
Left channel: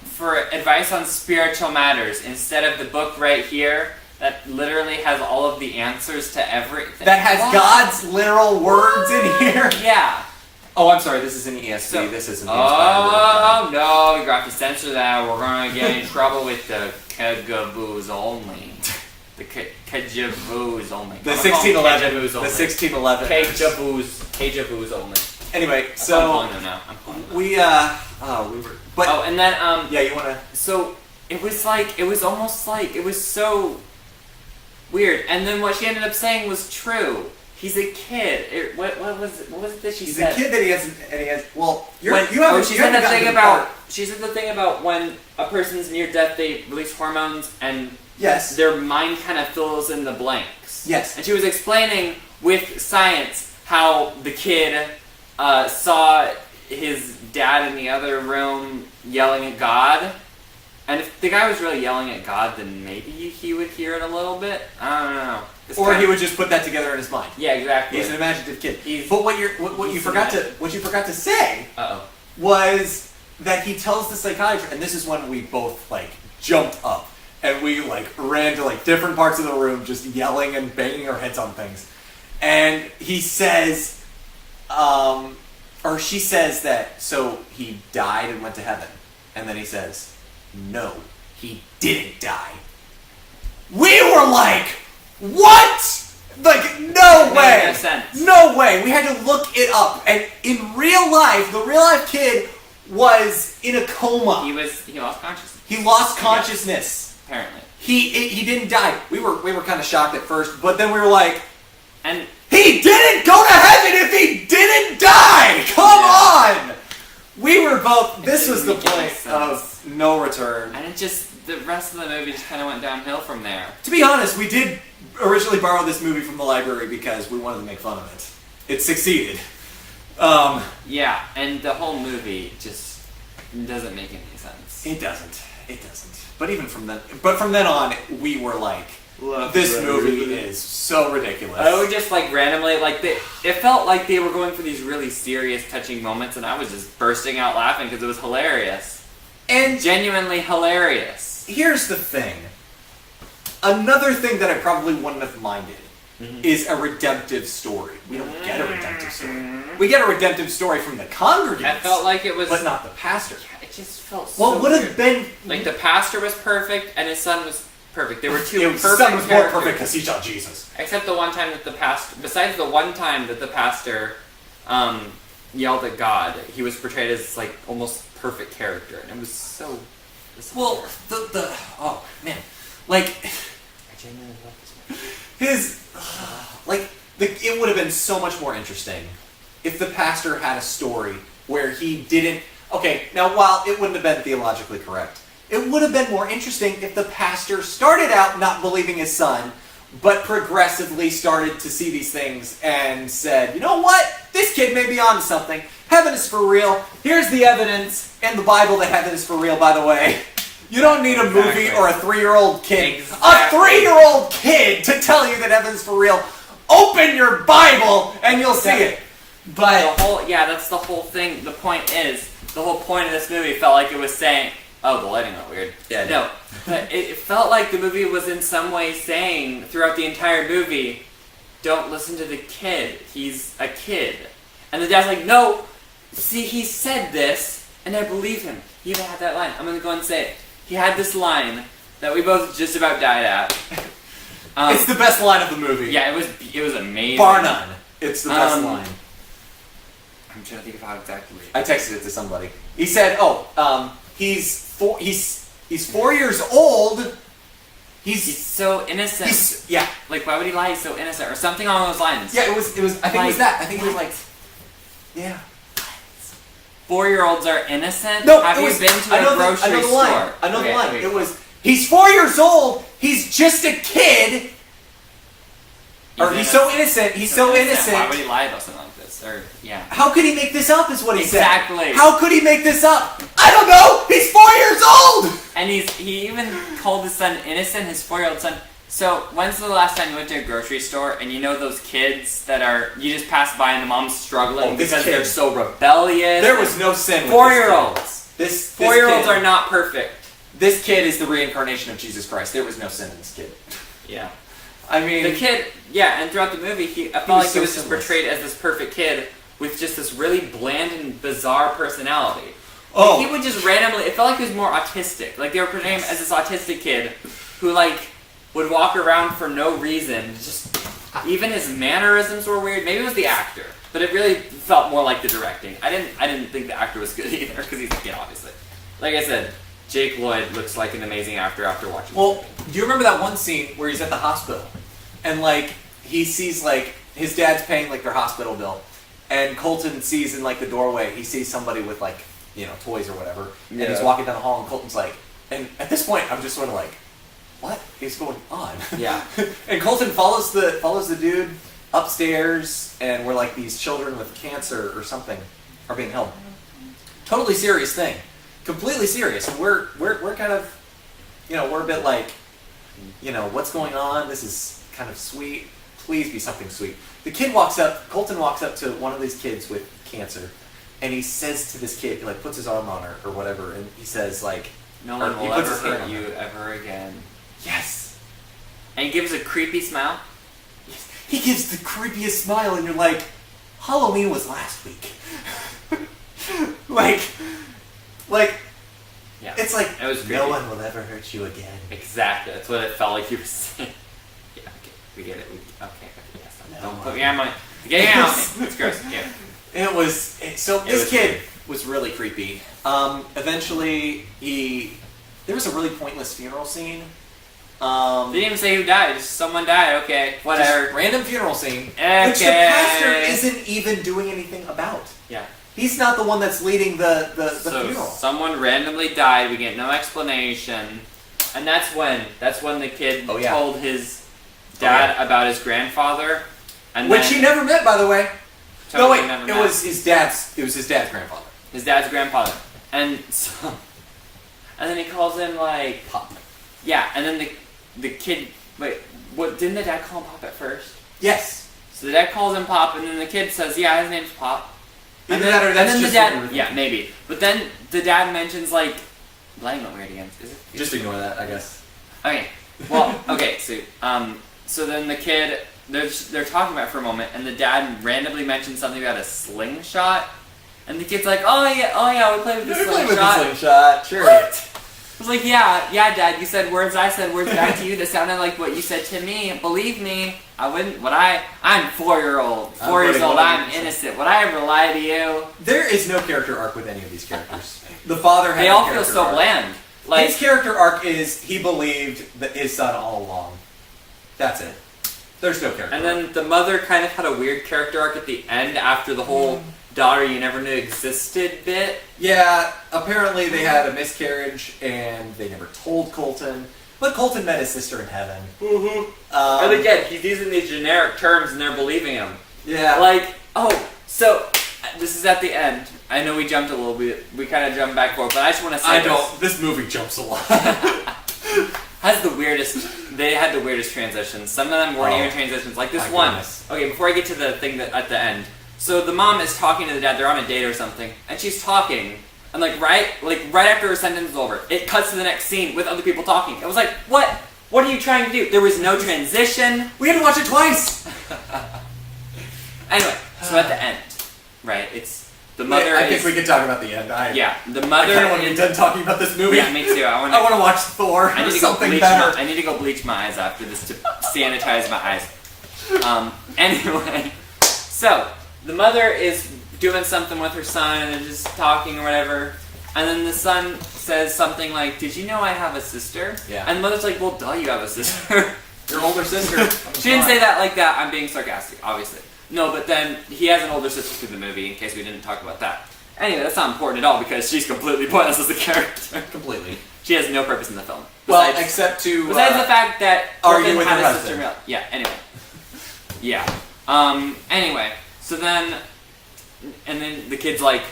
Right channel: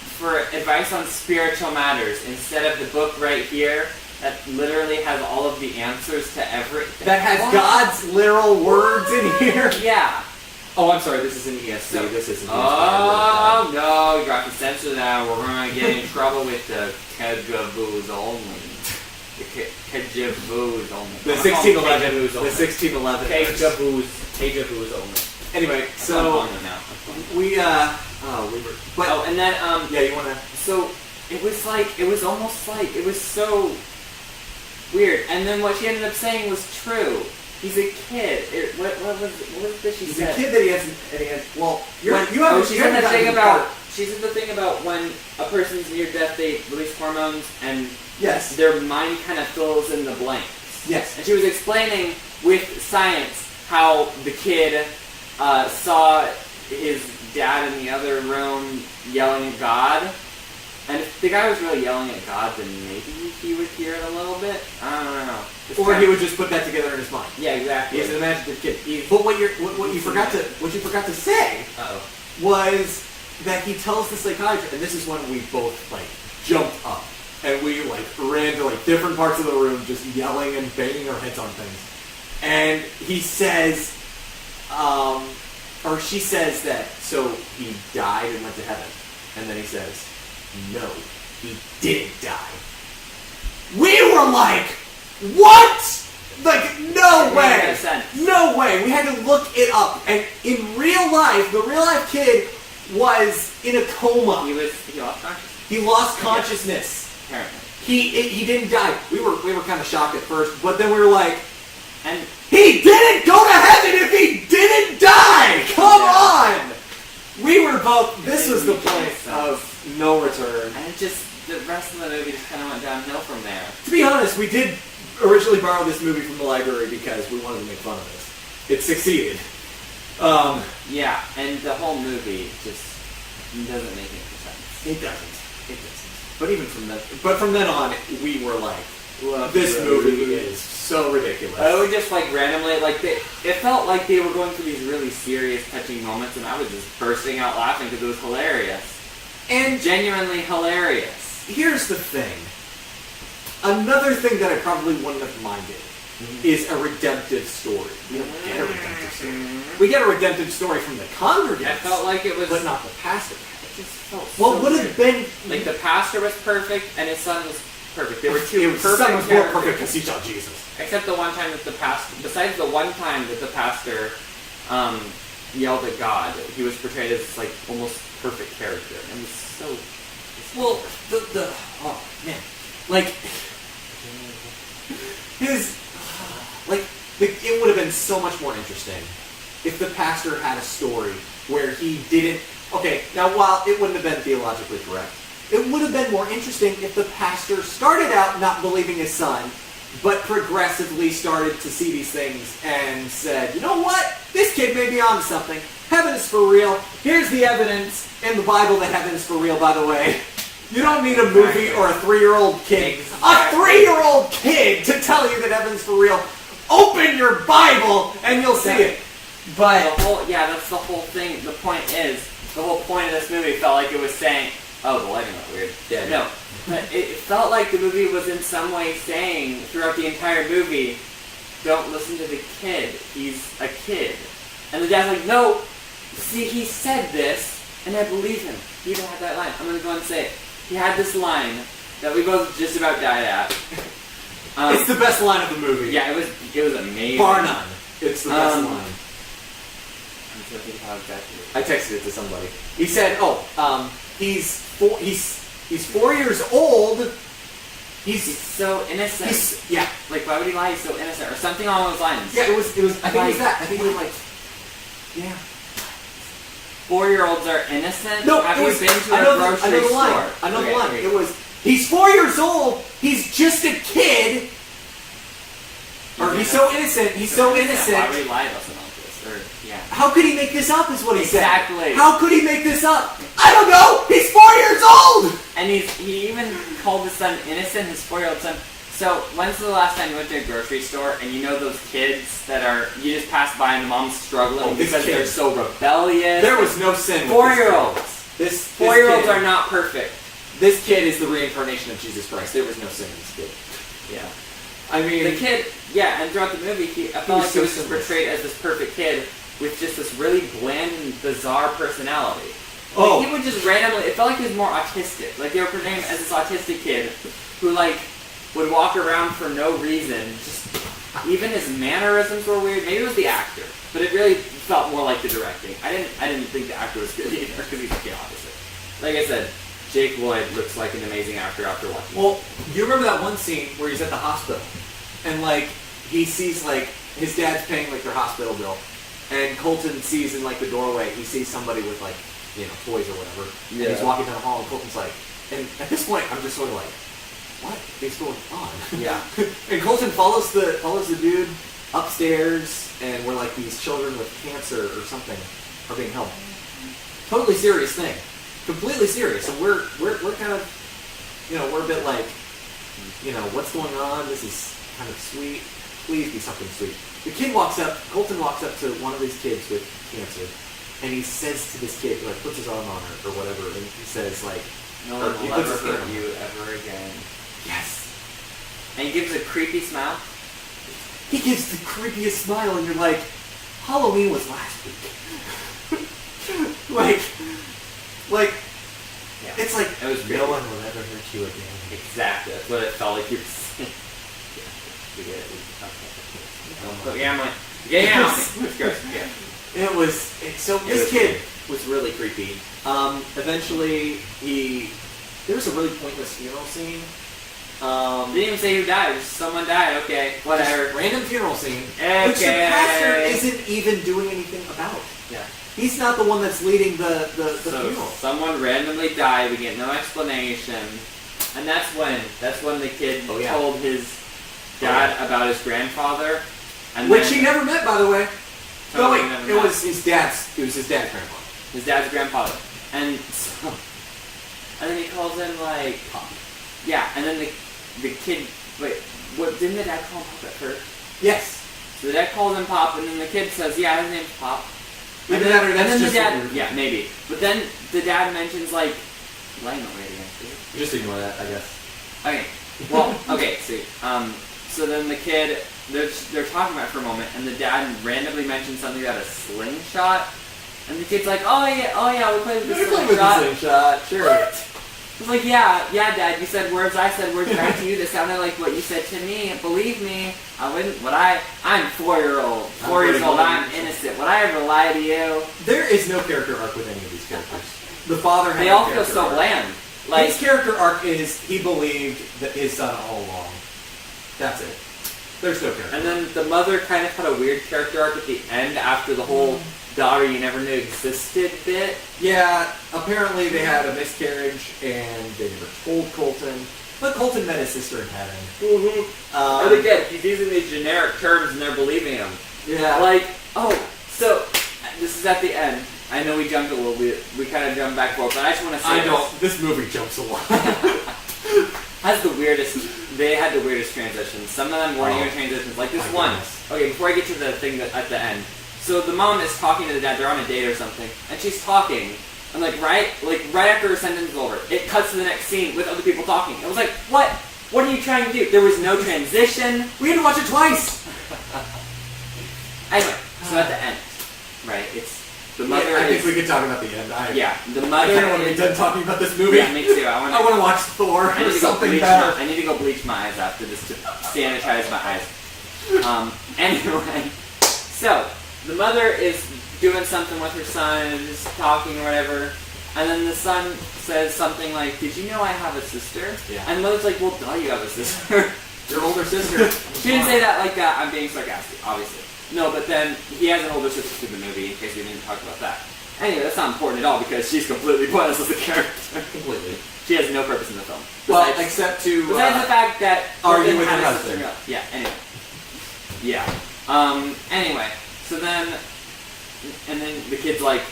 for advice on spiritual matters instead of the book right here that literally has all of the answers to everything. That has What? God's literal words in here. Yeah. Oh, I'm sorry. This is an ESV. So- this isn't. the Oh inspired no, you have to censor that. We're gonna get in trouble with the Kegaboos only. The Kejaboos only. word of God. The I'm gonna call them 1611. Kejaboos The only. 1611. Kejaboos only. Anyway, I'm so calling them now. I'm calling them. we were. But Oh, and then yeah, you wanna? so it was almost like it was so weird. And then what she ended up saying was true. He's a kid. What was it that she He's said? a kid that he has. Well, you When, haven't. she you said haven't the thing gotten to the about part. she said the thing about when a person's near death, they release hormones and Yes. their mind kind of fills in the blanks. Yes. And she was explaining with science how the kid saw his dad in the other room yelling at God. And if the guy was really yelling at God, then maybe he would hear it a little bit. I don't know. It's Or kind he of- would just put that together in his mind. Yeah, exactly. He's an imaginative kid. He's- But what you forgot to say Uh-oh. was that he tells the psychiatrist, and this is when we both like jumped up and we like ran to like different parts of the room, just yelling and banging our heads on things. And he says, or she says that so he died and went to heaven, and then he says, no, he didn't die. We were like, what? Like, no It made way. no sense. No way. We had to look it up. And in real life, the real life kid was in a coma. He lost consciousness, He lost consciousness. apparently. He didn't die. We were kind of shocked at first, but then we were like, And he didn't go to heaven if he didn't die. Come on. We were both. This was the didn't make point sense. of no return. And it just, the rest of the movie just kind of went downhill from there. To be honest, we did originally borrow this movie from the library because we wanted to make fun of this. It succeeded. Yeah, and the whole movie just doesn't make any sense. It doesn't. It doesn't. But from then on, we were like, this movie is so ridiculous. I would just like randomly, it felt like they were going for these really serious, touching moments, and I was just bursting out laughing because it was hilarious. And Genuinely hilarious. here's the thing. Another thing that I probably wouldn't have minded is a redemptive story. We don't get a redemptive story. We get a redemptive story from the congregants. I felt like it was, but not the pastor. it just felt What so would weird. have been Like the pastor was perfect and his son was perfect. They were two It was perfect son was more characters. perfect because he saw Jesus. Except the one time that the pastor, besides the one time that the pastor yelled at God, he was portrayed as like almost perfect character. And it was so. Well, the oh man, like his it would have been so much more interesting if the pastor had a story where he didn't. Okay, now while it wouldn't have been theologically correct, it would have been more interesting if the pastor started out not believing his son, but progressively started to see these things and said, you know what? This kid may be onto something. Heaven is for real. Here's the evidence in the Bible that heaven is for real, by the way. You don't need a movie Exactly. or a 3-year-old kid. Exactly. A 3-year-old kid to tell you that heaven's for real. Open your Bible and you'll see it. But That's the whole thing. The point is, the whole point of this movie felt like it was saying, oh, the lighting got weird. Yeah, No, but it felt like the movie was in some way saying throughout the entire movie, don't listen to the kid. He's a kid. And the dad's like, no, see, he said this, and I believe him. He even had that line. I'm going to go and say it. He had this line that we both just about died at. it's the best line of the movie. Yeah, it was amazing. Bar none. It's the best Um, line. I'm trying to think of how exactly. I texted it to somebody. He said, he's 4 years old. He's so innocent. Yeah. Like, why would he lie? He's so innocent, or something along those lines. Yeah, it was, I think it was that. I think it was like, yeah. 4-year-olds are innocent. No, Have it you was, been to I know a grocery I know the line. store? I know the Okay, line. wait. It was, he's 4 years old. He's just a kid. Or he's so innocent. He's so innocent. Why would he lie about something like this? Or yeah. How could he make this up? Is what he Exactly. said. How could he make this up? I don't know. He's 4 years old. And he even called his son innocent, his 4-year-old son. So when's the last time you went to a grocery store and you know those kids that are you just pass by and the mom's struggling Oh, this because kid. they're so rebellious? There was no sin. with this 4-year-olds. This 4-year-olds kid- are not perfect. This kid is the reincarnation of Jesus Christ. There was no sin in this kid. Yeah. I mean, The kid, yeah, and throughout the movie, I felt was like so he was just sinless. portrayed as this perfect kid with just this really bland and bizarre personality. Oh. Like, he would just randomly, it felt like he was more autistic. Like, they were portraying him as this autistic kid who, like, would walk around for no reason. Just, even his mannerisms were weird. Maybe it was the actor, but it really felt more like the directing. I didn't think the actor was good either, because he's a kid, obviously. Like I said, Jake Lloyd looks like an amazing actor after watching well, do you remember that one scene where he's at the hospital and like he sees like his dad's paying like their hospital bill, and Colton sees in like the doorway he sees somebody with like toys or whatever, and he's Yeah. walking down the hall and Colton's like, and at this point I'm just sort of like, what is going on? Yeah. And Colton follows the dude upstairs, and where like these children with cancer or something are being held. Totally serious thing, completely serious, and we're kind of, we're a bit like, what's going on? This is kind of sweet. Please be something sweet. The kid Colton walks up to one of these kids with cancer, and he says to this kid, he like puts his arm on her or whatever, and he says like, No or one he will puts ever his hand hurt on you her. ever again. Yes. And he gives a creepy smile. He gives the creepiest smile, and you're like, Halloween was last week. like, Yeah. it's like, It was creepy. no one will ever hurt you again. Exactly. That's what it felt like you were saying. Yeah, we get it. Okay. Don't put me on my. Get me out. It's gross. Yeah. It was, so It this was kid was really creepy. Eventually, there was a really pointless funeral scene. Didn't even say who died. Just someone died. Okay. Whatever. Just random funeral scene, Okay. which the pastor isn't even doing anything about. Yeah. He's not the one that's leading the So funeral. someone randomly died. We get no explanation, and that's when the kid Oh, yeah. told his dad about his grandfather, and Which then he never met, by the way. No, totally wait, never it met. was his dad's grandfather. his dad's grandfather, and so, and then he calls him like Pop. yeah, and then the kid wait, what didn't the dad call him Pop at first? Yes. So the dad calls him Pop, and then the kid says, yeah, his name's Pop. Either that or that's the just dad, what we were yeah, maybe. But then the dad mentions like Lionel Radiance. Just ignore that, I guess. Okay, well, okay, so then the kid, they're talking about it for a moment, and the dad randomly mentions something about a slingshot, and the kid's like, oh yeah, we played with the slingshot. slingshot. Sure. What? I was like, yeah, Dad, you said words, I said words back to you that sounded like what you said to me. Believe me, I wouldn't, I'm 4-year-old, 4 years old, I'm innocent. Would I ever lie to you? There is no character arc with any of these characters. The father had They no all feel character so arc. bland. Like, His character arc is he believed that his son all along. That's it. There's no character and arc. then the mother kind of had a weird character arc at the end after the whole daughter you never knew existed bit. Yeah, apparently they had a miscarriage and they never told Colton. But Colton met his sister in heaven. And again, he's using these generic terms and they're believing him. Yeah. Like, so this is at the end. I know we jumped a little bit. We kind of jumped back forward, but I just want to say This movie jumps a lot. has the weirdest. They had the weirdest transitions. Some of them weren't even transitions. Like this My one. goodness. Okay, before I get to the thing that at the end. So the mom is talking to the dad. They're on a date or something, and she's talking. And right after her sentence is over, it cuts to the next scene with other people talking. It was like, what? What are you trying to do? There was no transition. We had to watch it twice. Anyway, so at the end, right? It's the mother. I think is, we could talk about the end. yeah, the I mother. kind of want to be is- done talking about this movie. Yeah, me too. I I want to watch Thor I or need to go something bleach better. I need to go bleach my eyes after this to sanitize my eyes. Anyway, so the mother is doing something with her son and just talking or whatever, and then the son says something like, "Did you know I have a sister?" Yeah. And the mother's like, "Well, duh, you have a sister." Your older sister. She didn't say that like that. I'm being sarcastic, obviously. No, but then he has an older sister through the movie. In case we didn't talk about that. Anyway, that's not important at all because she's completely pointless as a character. Completely. She has no purpose in the film. Well, Besides- except to Besides the fact that argue Corbin with had your a sister. husband. Yeah. Anyway. Yeah. Anyway. So then, and then the kid's like,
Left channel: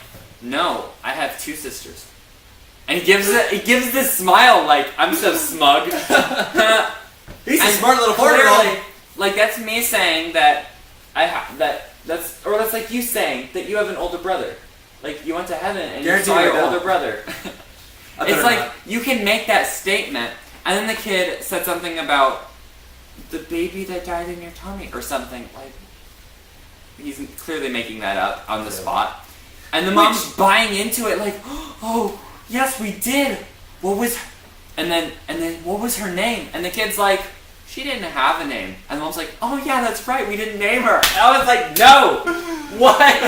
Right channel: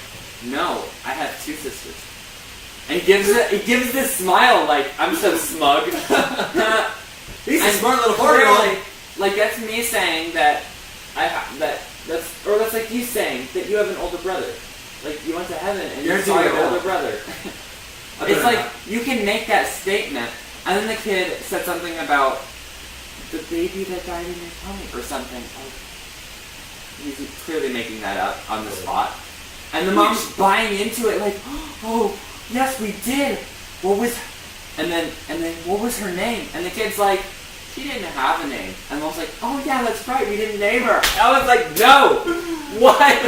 "No, I have 2 sisters," and he gives this smile like, "I'm so smug." he's a And smart little clearly, four-year-old. like that's me saying that that's like you saying that you have an older brother. Like, you went to heaven and you Guarantee saw you your don't. older brother. I It's better like, not. you can make that statement, and then the kid said something about the baby that died in your tummy, or something. Like, he's clearly making that up on the spot. And the mom's buying into it, like, oh, yes, we did. What was... And then, what was her name? And the kid's like, she didn't have a name. And mom's like, oh yeah, that's right, we didn't name her. And I was like, no! What?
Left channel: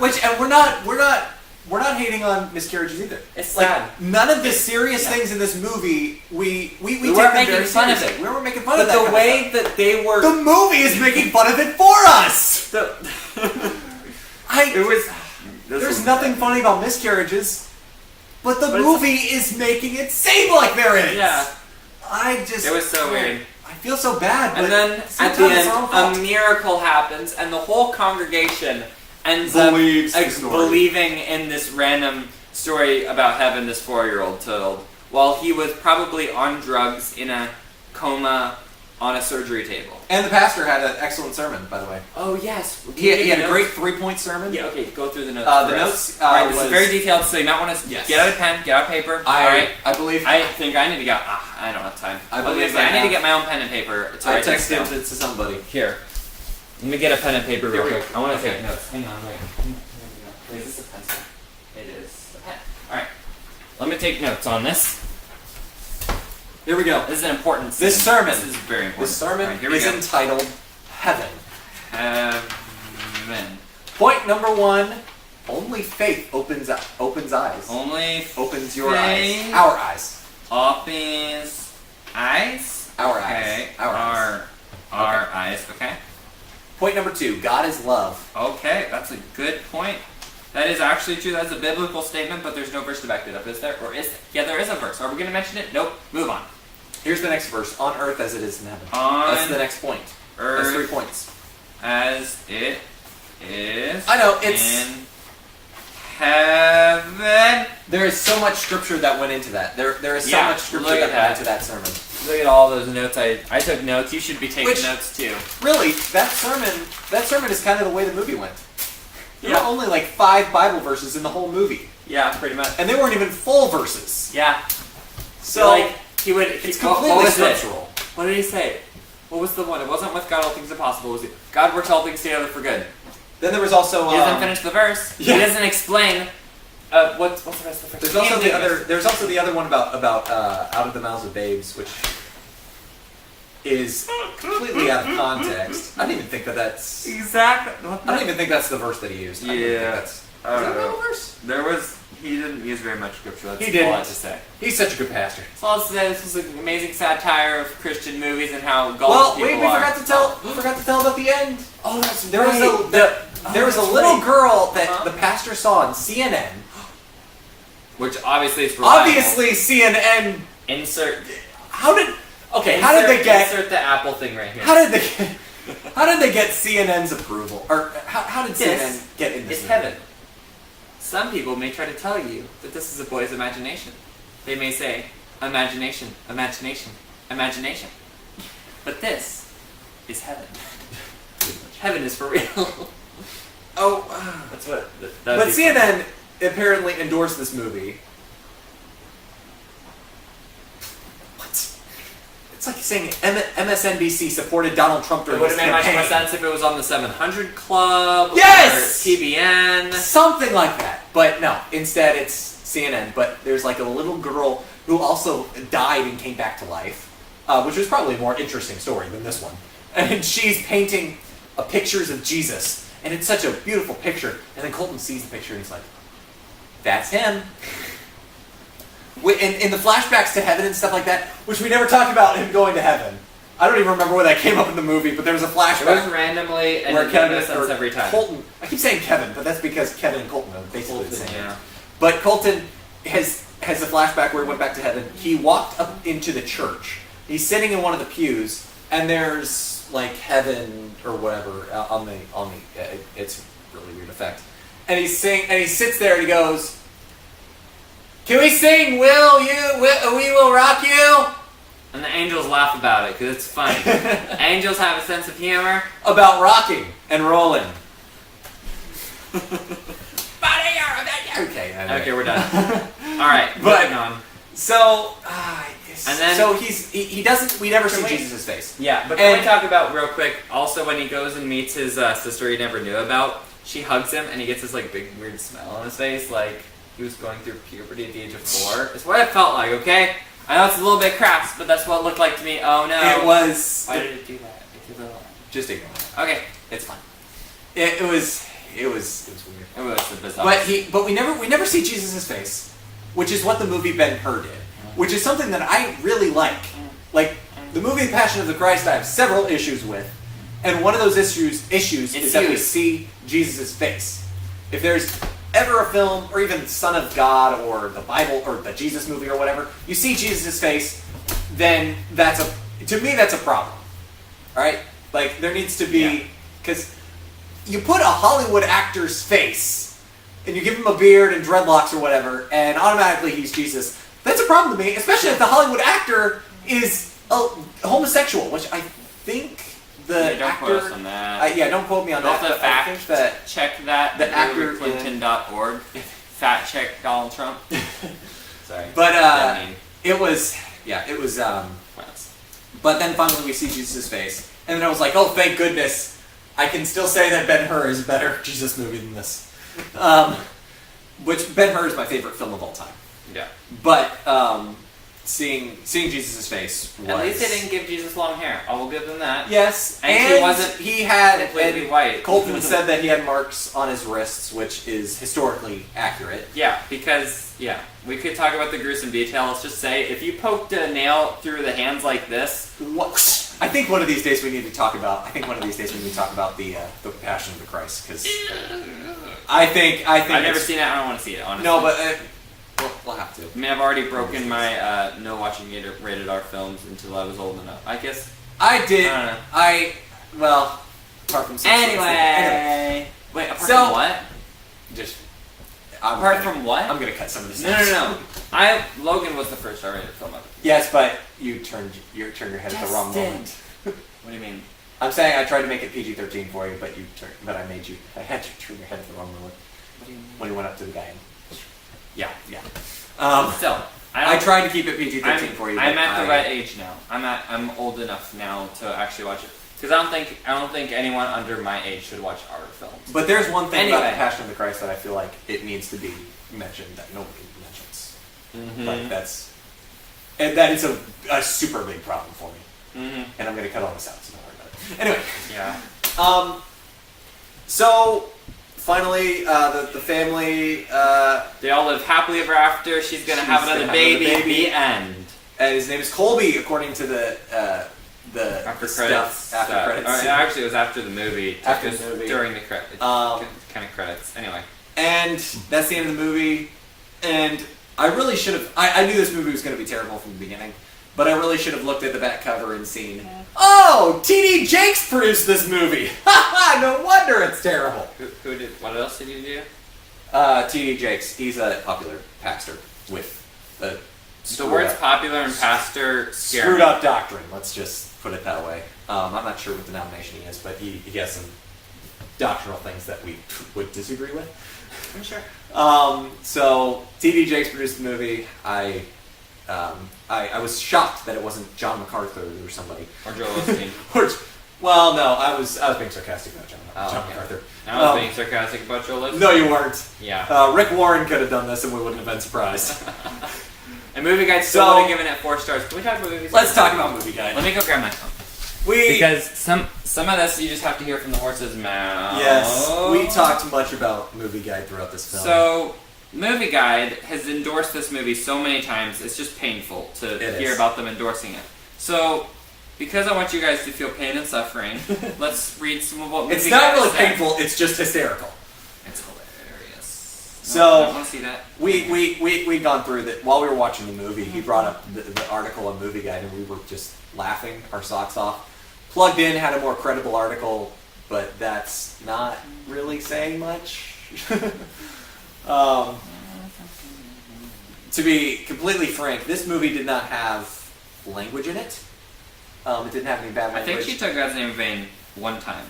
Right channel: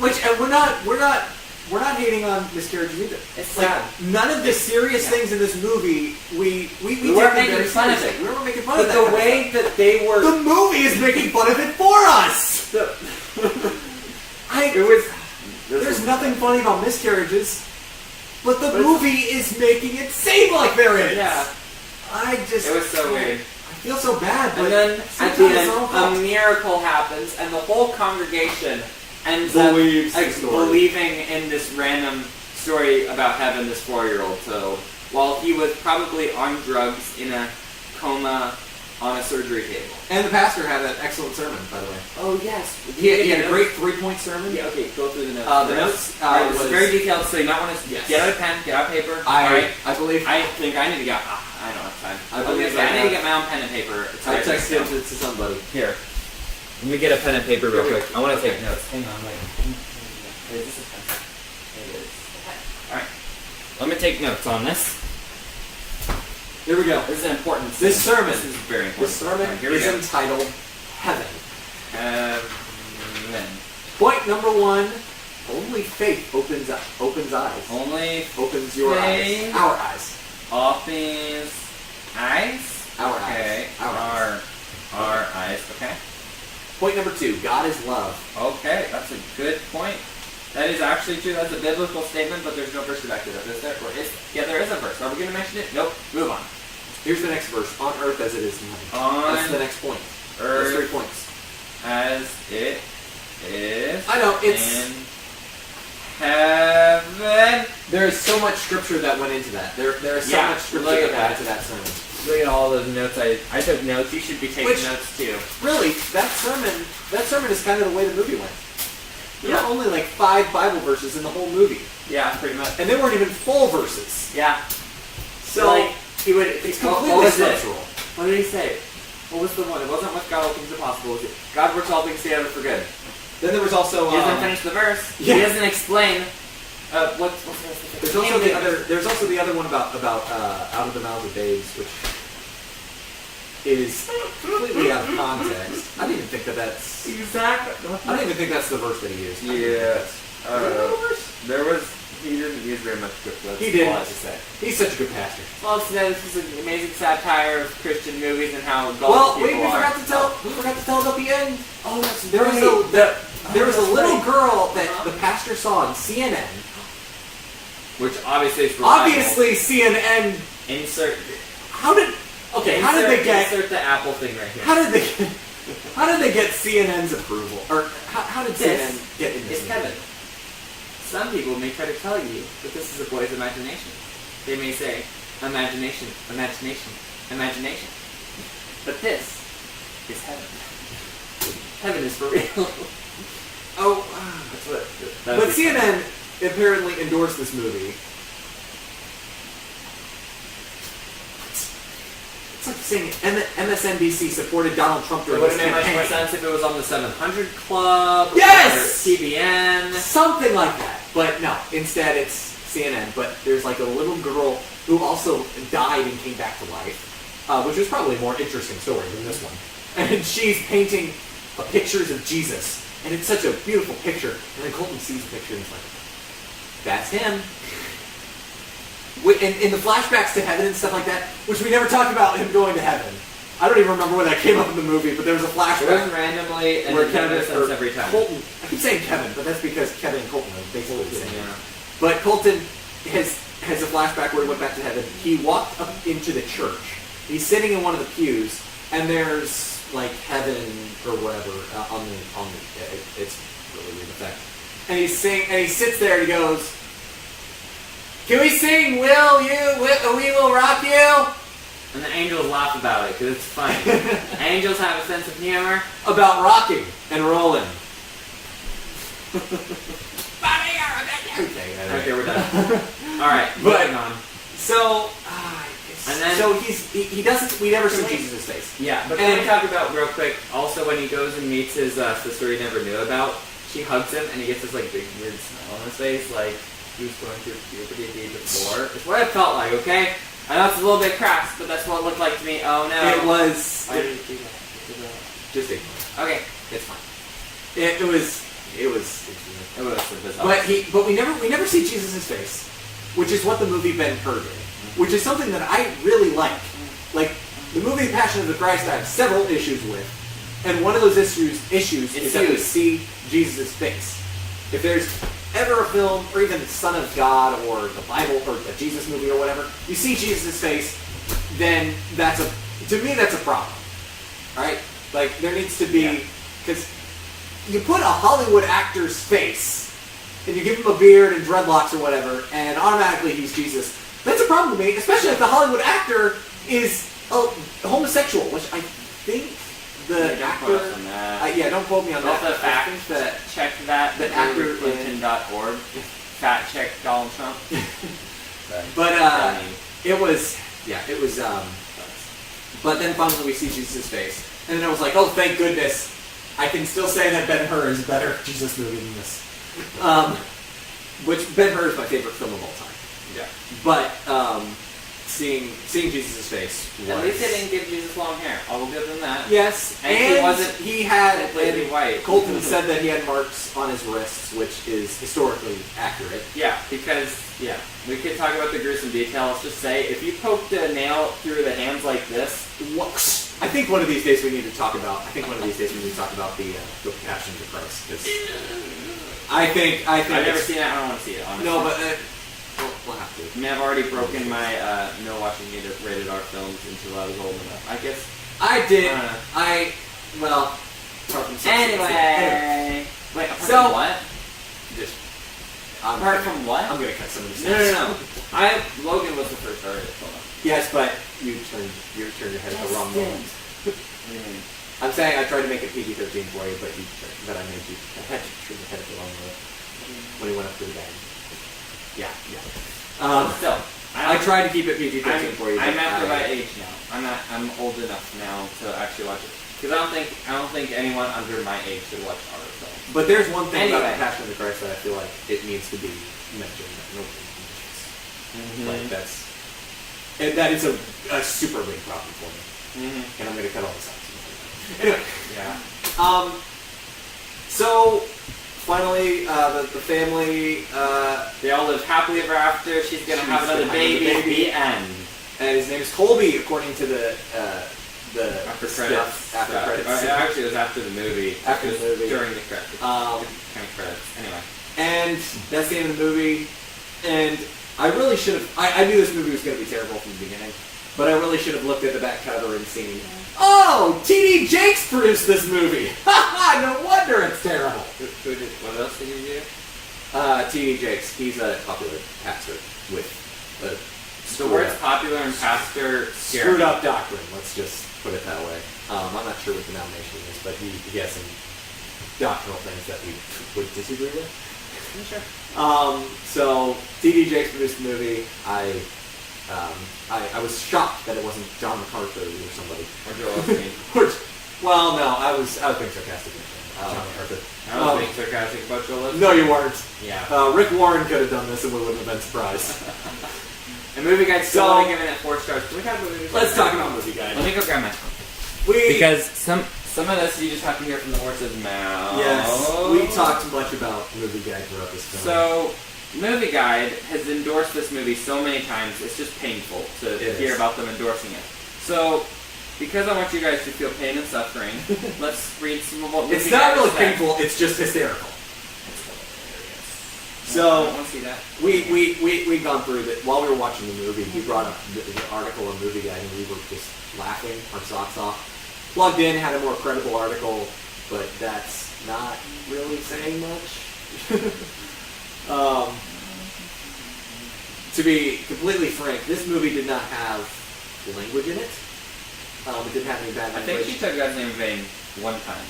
Which, and we're not hating on miscarriages either. It's like sad. none of the serious Yeah. things in this movie we We take weren't them making very fun of seriously. it. We weren't making fun of But that. the kind of way that they stuff. were... The movie is making fun of it for us. It was... There's nothing funny about miscarriages, but the But it's- movie is making it seem like there is. Yeah. It was so weird. I feel so bad. But And then, at sometimes the it's end, our own fault. a miracle happens, and the whole congregation ends Believes up the story. believing in this random story about heaven this 4-year-old told, while he was probably on drugs in a coma on a surgery table. And the pastor had an excellent sermon, by the way. Oh, yes. He had a great 3-point sermon. Yeah, okay, go through the notes. The first. notes Alright, this was is very detailed, so you might want to Yes. get out a pen, get out paper. Alright. I believe I think I need to get. I don't have time. I was believe gonna say, I I need to have- get my own pen and paper. To I write this texted down. to somebody. Here. Let me get a pen and paper real Here we quick. go. I want to Okay. take notes. Hang on, wait. Is this a pencil? It is. A pen. Alright. Let me take notes on this. Here we go. This is an important This scene. sermon. This is very important. This sermon Alright, here we is go. entitled Heaven. Heaven. Point number 1: only faith opens eyes. Only Opens your faith eyes. Our eyes. opens eyes. Our Okay. eyes. Our eyes. Our eyes. Okay. Point number 2: God is love. Okay, that's a good point. That is actually true. That's a biblical statement, but there's no verse to back it up, is there? Or is? Yeah, there is a verse. Are we going to mention it? Nope. Move on. Here's the next verse: on earth as it is in heaven. On That's the next point. That's 3 earth points. as it is I know it's. in heaven. There is so much scripture that went into that. There is so Yeah, much scripture look that at went into that sermon. Look at all those notes. I took notes. You should be taking Which- notes too. Really, that sermon is kind of the way the movie went. There Yeah. were only like 5 Bible verses in the whole movie, Yeah, pretty much. and they weren't even full verses. Yeah. So like he would. it's what completely was it? scriptural. What did he say? What was the one? It wasn't with God all things are possible. Was it God works all things together for good? Then there was also He doesn't finish the verse. yeah. He doesn't explain what's the rest of it. There's also the other. There's also the other one about out of the mouths of babes, which is completely out of context. I don't even think that's. Exactly. I don't even think that's the verse that he used. I don't even think Yeah. that's- Is that the verse? There was. He didn't use very much scripture. That's He didn't. all I have to say. He's such a good pastor. All I have to say, this was an amazing satire of Christian movies and how gullible Well, people we are. forgot to tell. We forgot to tell about the end. Oh, that's There was right. there was a that's little right. girl that Uh-huh. the pastor saw on CNN. Which obviously is reliable. Obviously, CNN. Insert. How did they get? Insert the Apple thing right here. How did they get CNN's approval? Or how did This CNN get in this? It's movie? heaven. Some people may try to tell you that this is a boy's imagination. They may say, imagination, imagination, imagination. But this is heaven. Heaven is for real. Oh, That's what. but CNN apparently endorsed this movie. It's like saying MSNBC supported Donald Trump It during would his have made much campaign. more sense if it was on the 700 Club. Yes! Or TBN. Something like that. But no, instead it's CNN. But there's like a little girl who also died and came back to life, which was probably a more interesting story than this one. And she's painting pictures of Jesus. And it's such a beautiful picture. And then Colton sees the picture and he's like, that's him. In the flashbacks to heaven and stuff like that, which we never talked about him going to heaven. I don't even remember where that came up in the movie, but there was a It was flashback randomly and where it made no Kevin sense every time. Colton, I keep saying Kevin, but that's because Kevin and Colton are basically the same. Yeah. But Colton has a flashback where he went back to heaven. He walked up into the church. He's sitting in one of the pews, and there's like heaven or whatever on the it's really weird effect. And he sits there and he goes, "Can we sing? We will rock you." And the angels laugh about it because it's funny. Angels have a sense of humor. About rocking and rolling. Okay, we're done. All right, But- moving on. So, And then- so he doesn't. We never see Can we- Jesus' face. Yeah, but can And- we talk about real quick? Also, when he goes and meets his sister he never knew about, she hugs him and he gets this like big weird smell on his face, like he was going through puberty the age of 4. It's what it felt like. Okay, I know it's a little bit crass, but that's what it looked like to me. Oh no! It was. Why did it do that? Just ignore it. Okay, It's fine. It was weird. it was a bizarre. But we never see Jesus' face, which is what the movie Ben-Hur did, which is something that I really like. Like the movie Passion of the Christ, I have several issues with, and one of those issues is that we huge. see Jesus' face. If there's ever a film, or even Son of God, or the Bible, or the Jesus movie, or whatever, you see Jesus' face, then to me that's a problem. Right? Like there needs to be, because you put a Hollywood actor's face and you give him a beard and dreadlocks or whatever, and automatically he's Jesus. That's a problem to me, especially if the Hollywood actor is a homosexual, which I think the Yeah, don't actor. quote us on that. Yeah, don't quote me on Don't that. the but I fact think that check that the actor- Clinton.org. Fact check Donald Trump. Sorry. But I mean, it was. But then finally we see Jesus' face, and then I was like, oh, thank goodness, I can still say that Ben-Hur is a better Jesus movie than this. Which Ben-Hur is my favorite film of all time. yeah. But seeing Jesus' face was... At least they didn't give Jesus long hair. I will give them that. Yes, And he wasn't he had completely and white. Colton said that he had marks on his wrists, which is historically accurate. Yeah, because we could talk about the gruesome detail. Let's just say if you poked a nail through the hands like this, I think one of these days we need to talk about. I think one of these days we need to talk about the Passion of the Christ, because I think I've never it's- seen it. I don't want to see it. Honestly. No, but we'll have to. I mean, I've already broken my no watching rated R films until I was old enough. I guess. I did. I don't know. Well, apart from Anyway, wait. Apart So- from what? just Apart from what? I'm gonna cut some of this. No. Logan was the first R-rated film. Yes, but you turned your head at the wrong moment. What do you mean? I'm saying I tried to make it PG-13 for you, but I had you turn your head at the wrong moment when you went up to the band. Yeah. Still, I tried to keep it PG-13 for you. I'm but at the right age now. I'm old enough now to actually watch it. Because I don't think anyone under my age should watch horror films. But there's one thing about Anyway. the Passion of the Christ that I feel like it needs to be mentioned that nobody mentions. Like that is a super big problem for me. And I'm going to cut all this out. So anyway. Yeah. So finally, the family. They all live happily ever after. She's gonna have another baby. The end. His name is Colby, according to the After stuff, credits. After credits. Actually, it was after the movie. After It was the movie. During the credits. Um, kind of credits. Anyway. And that's the end of the movie. And I really should have. I knew this movie was going to be terrible from the beginning, but I really should have looked at the back cover and seen. Oh, T.D. Jakes produced this movie. No wonder it's terrible. What else did you do? T.D. Jakes. He's a popular pastor with a The words popular and pastor scare screwed me. up doctrine. Let's just put it that way. I'm not sure what the denomination is, but he has some doctrinal things that we would disagree with. Sure. So T.D. Jakes produced the movie. I was shocked that it wasn't John MacArthur or somebody. Or Joel Osteen. Well, no, I was being sarcastic about John okay. MacArthur. I was being sarcastic about Joel Osteen. No, you weren't. Yeah. Rick Warren could have done this, and we wouldn't have been surprised. And Movie Guide still So- would have given it 4 stars. Can we talk about Movie Guide? Let's talk about Movie Guide. Let me go grab my phone. Because some of this you just have to hear from the horse's mouth. Yes, we talked much about Movie Guide throughout this film. So, Movie Guide has endorsed this movie so many times, it's just painful to It hear is. about them endorsing it. So, because I want you guys to feel pain and suffering, let's read some of what Movie it's Guide not really said. painful, it's just hysterical. It's hilarious. So- I want to see that. We'd gone through that while we were watching the movie. He brought up the article on Movie Guide, and we were just laughing our socks off. Plugged in, had a more credible article, but that's not really saying much. To be completely frank, this movie did not have language in it. It didn't have any bad I language. think she took God's name in vain one time.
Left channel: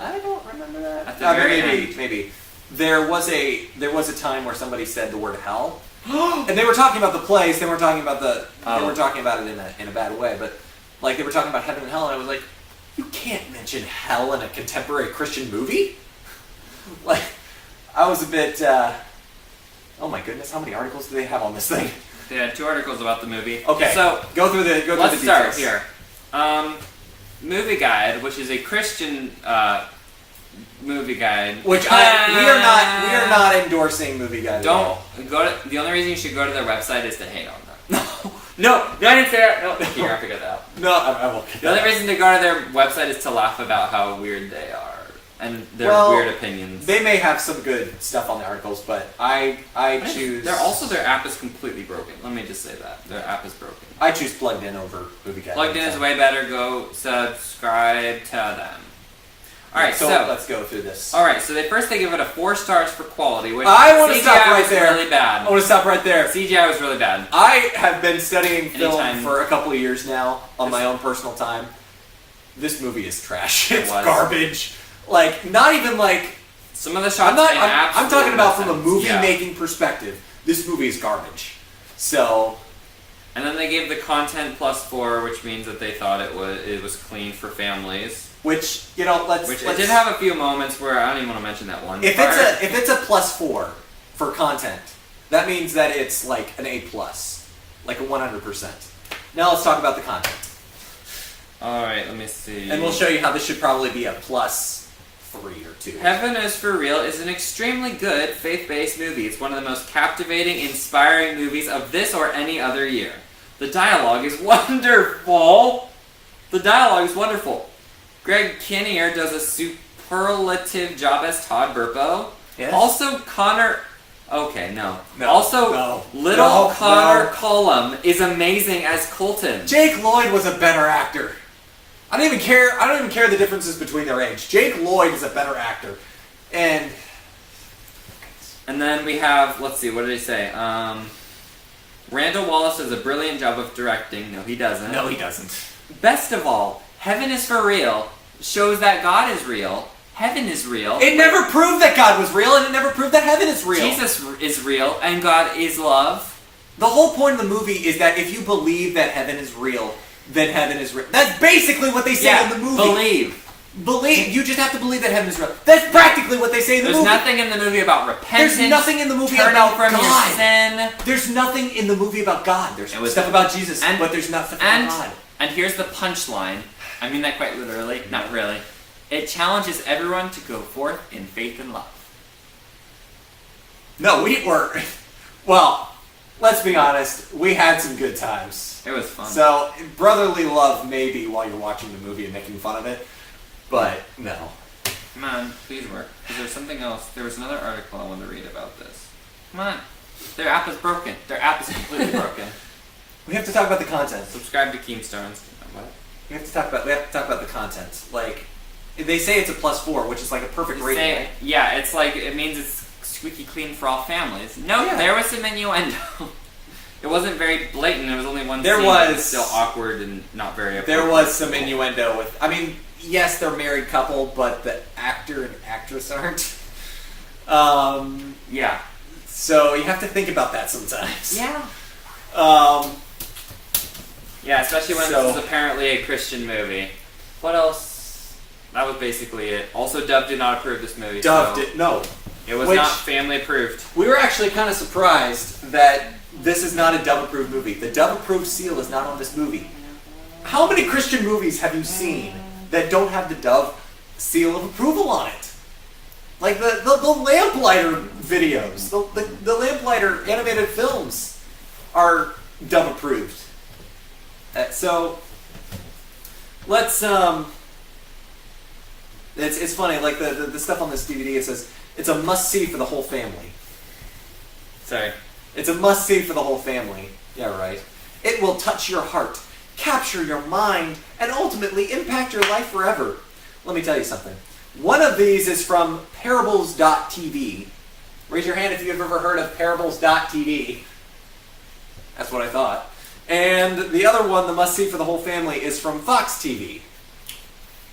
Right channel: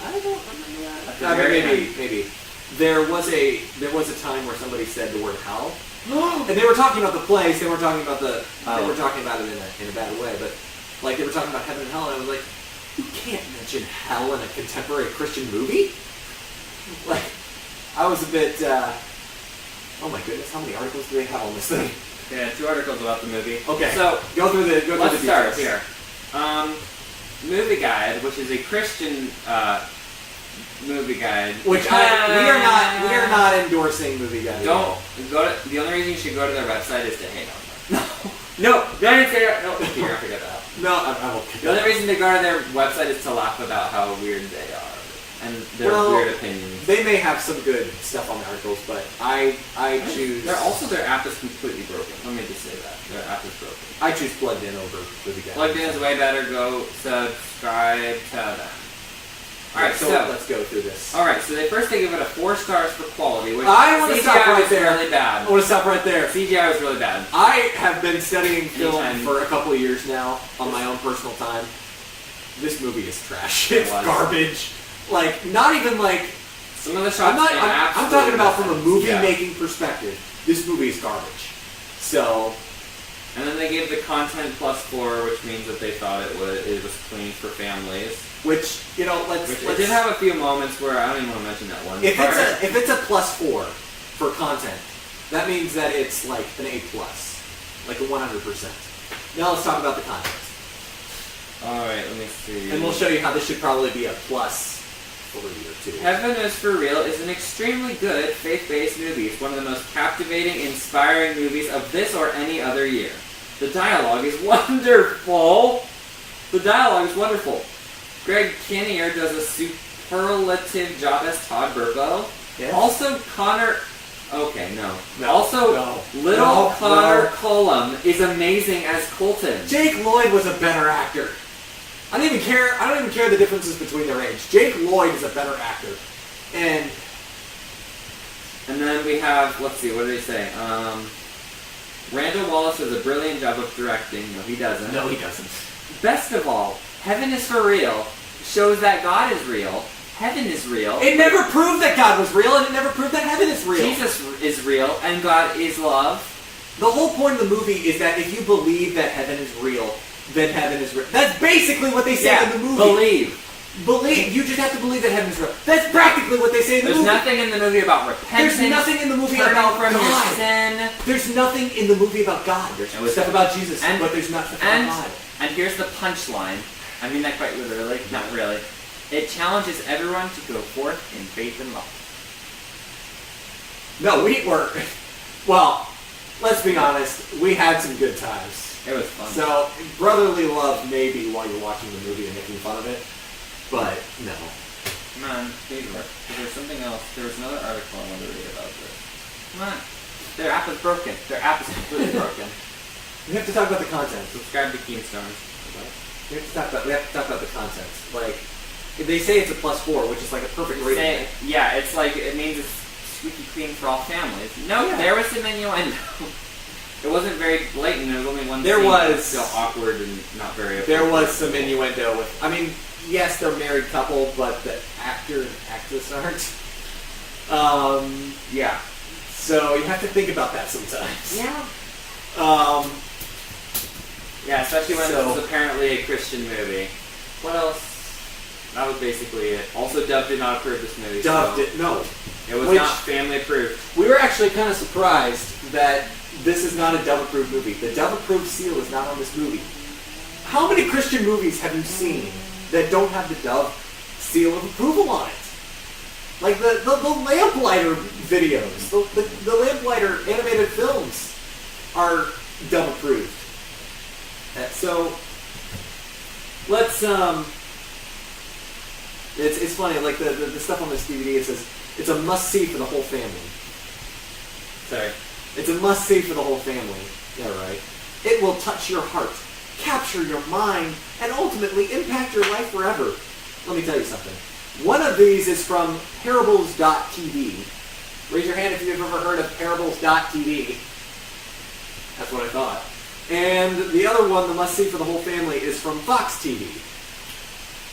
I don't remember that. At the very end. Maybe. there was a time where somebody said the word hell, and they were talking about the place. They weren't talking about they were talking about it in a bad way, but like they were talking about heaven and hell, and I was like, you can't mention hell in a contemporary Christian movie. Like, I was a bit. Oh my goodness, how many articles do they have on this thing? Yeah, 2 articles about the movie. Okay, so go through the let's start details. here. Movie Guide, which is a Christian movie guide. Which we are not endorsing Movie Guide. Don't go to. The only reason you should go to their website is to hate on them. No, I didn't say that. No, here, I forgot that. No, I won't. The only reason to go to their website is to laugh about how weird they are and their weird opinions. They may have some good stuff on the articles, but I choose. Their app is completely broken. Let me just say that their app is broken. I choose Plugged In over Movie Guide. Plugged In is way better. Go subscribe to them. All right, so let's go through this. All right, so they give it a 4 stars for quality, which I want to stop right was there. really bad. I want to stop right there. CGI was really bad. I have been studying film Anytime. for a couple of years now on my own personal time. This movie is trash. It's was. garbage. Like, not even like. Some of the shots. I'm talking about from a movie Yeah. making perspective. This movie is garbage. So. And then they gave the content +4, which means that they thought it was clean for families. Which, you know, let's. It did have a few moments where I don't even want to mention that one. If it's a +4 for content, that means that it's like an A+, like a 100%. Now let's talk about the content, All right, let me see. and we'll show you how this should probably be a +3 or 2. Heaven is for Real is an extremely good faith-based movie. It's one of the most captivating, inspiring movies of this or any other year. The dialogue is wonderful. Greg Kinnear does a superlative job as Todd Burpo. Yes. Also, Connor. Okay, no. No. Connor No. Cullum is amazing as Colton. Jake Lloyd was a better actor. I don't even care the differences between their age. Jake Lloyd is a better actor, and then we have, let's see, what did he say? Randall Wallace does a brilliant job of directing. No, he doesn't. no, he doesn't. Best of all, Heaven is for Real shows that God is real. Heaven is real. It never proved that God was real, and it never proved that heaven is real. Jesus is real, and God is love. The whole point of the movie is that if you believe that heaven is real, then heaven is real. That's basically what they say in the movie. Believe. You just have to believe that heaven is real. That's practically what they say in the movie. There's nothing in the movie about repentance. There's nothing in the movie turning about from God. your sin. There's nothing in the movie about God. There's stuff about Jesus, but there's nothing about God. And here's the punchline. I mean that quite literally. Not really. It challenges everyone to go forth in faith and love. No, we were. Well, let's be honest. We had some good times. It was fun. So, brotherly love maybe while you're watching the movie and making fun of it, but no. Come on, please work. Because there's something else. There was another article I wanted to read about this. Come on. Their app is broken. Their app is completely broken. We have to talk about the content. Subscribe to Keemstones. What? We have to talk about the content. Like, they say it's a +4, which is like a perfect rating. Say, yeah, it's like, it means it's squeaky clean for all families. No, Yeah. there was some innuendo. It wasn't very blatant. There was only one There scene that was- still awkward and not very There appropriate. was some innuendo with. I mean, yes, they're a married couple, but the actor and actress aren't. Yeah. So you have to think about that sometimes. Yeah. Yeah, especially when So- this is apparently a Christian movie. What else? That was basically it. Also, Dove did not approve this movie. Dove so did no. It was Which- not family approved. We were actually kind of surprised that this is not a Dove-approved movie. The Dove-approved seal is not on this movie. How many Christian movies have you seen that don't have the Dove seal of approval on it? Like the Lamplighter videos, the Lamplighter animated films are Dove-approved. So let's it's funny, like the stuff on this DVD, it says it's a must-see for the whole family. Sorry. It's a must-see for the whole family. Yeah, right. It will touch your heart, capture your mind, and ultimately impact your life forever. Let me tell you something. One of these is from Parables.tv. Raise your hand if you've ever heard of Parables.tv. That's what I thought. And the other one, the must-see for the whole family, is from Fox TV.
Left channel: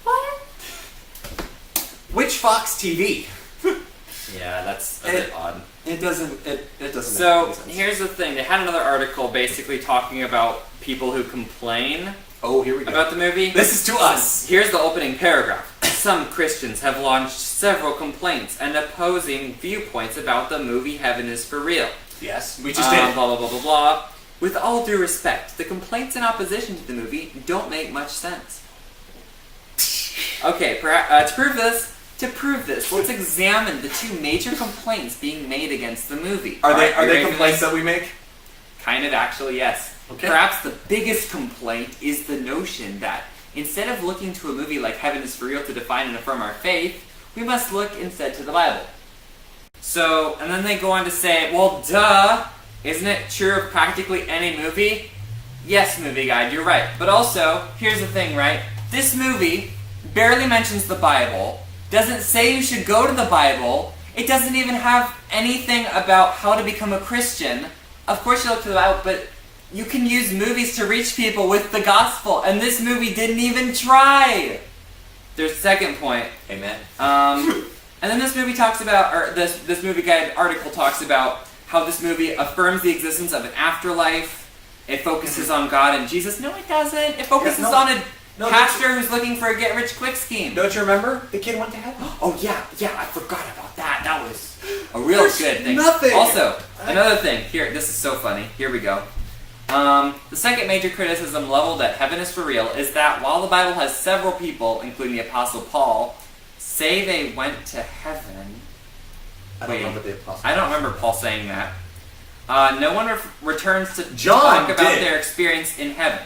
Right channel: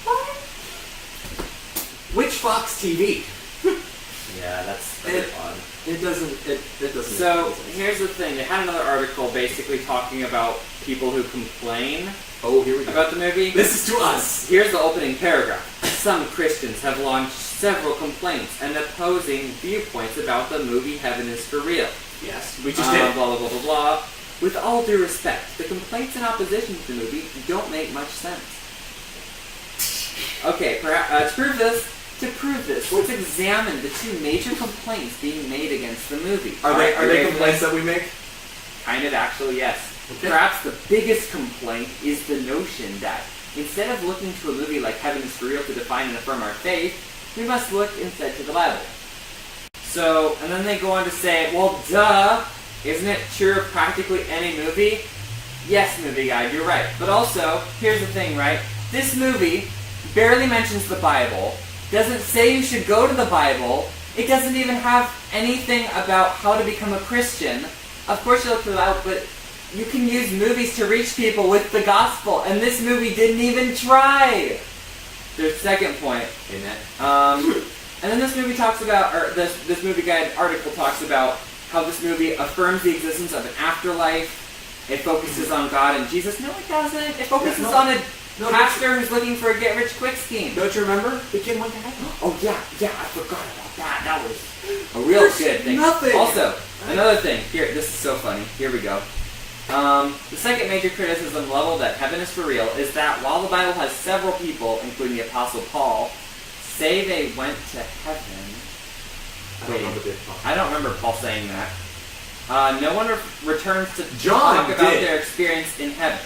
What? Which Fox TV? Yeah, that's a It- bit odd. It doesn't. It doesn't. So make sense. here's the thing: they had another article basically talking about people who complain Oh, here we go. about the movie. This is to us. Here's the opening paragraph. Some Christians have launched several complaints and opposing viewpoints about the movie Heaven is for Real. Yes, we just did. Blah, blah, blah, blah, blah. With all due respect, the complaints in opposition to the movie don't make much sense. Okay, to prove this, let's examine the two major complaints being made against the movie. Are they you ready for complaints this? that we make? Kind of, actually, yes. Okay. Perhaps the biggest complaint is the notion that instead of looking to a movie like Heaven is for Real to define and affirm our faith, we must look instead to the Bible. So, and then they go on to say, well, duh, isn't it true of practically any movie? Yes, movie guide, you're right. But also, here's the thing, right? This movie barely mentions the Bible, doesn't say you should go to the Bible, it doesn't even have anything about how to become a Christian. Of course you look to the Bible, but you can use movies to reach people with the gospel, and this movie didn't even try. There's the second point. Amen. And then this movie talks about, or this movie guide article talks about how this movie affirms the existence of an afterlife. It focuses on God and Jesus. No, it doesn't. It focuses no. on a No, pastor who's looking for a get-rich-quick scheme. Don't you remember? The kid went to heaven. Oh yeah, I forgot about that. That was a real There's good thing. nothing. Also, another thing. Here, this is so funny. Here we go. The second major criticism leveled at Heaven is for Real is that while the Bible has several people, including the Apostle Paul, say they went to heaven. I don't remember the apostle. I don't remember Paul saying that. No one returns to John talk about did. their experience in heaven.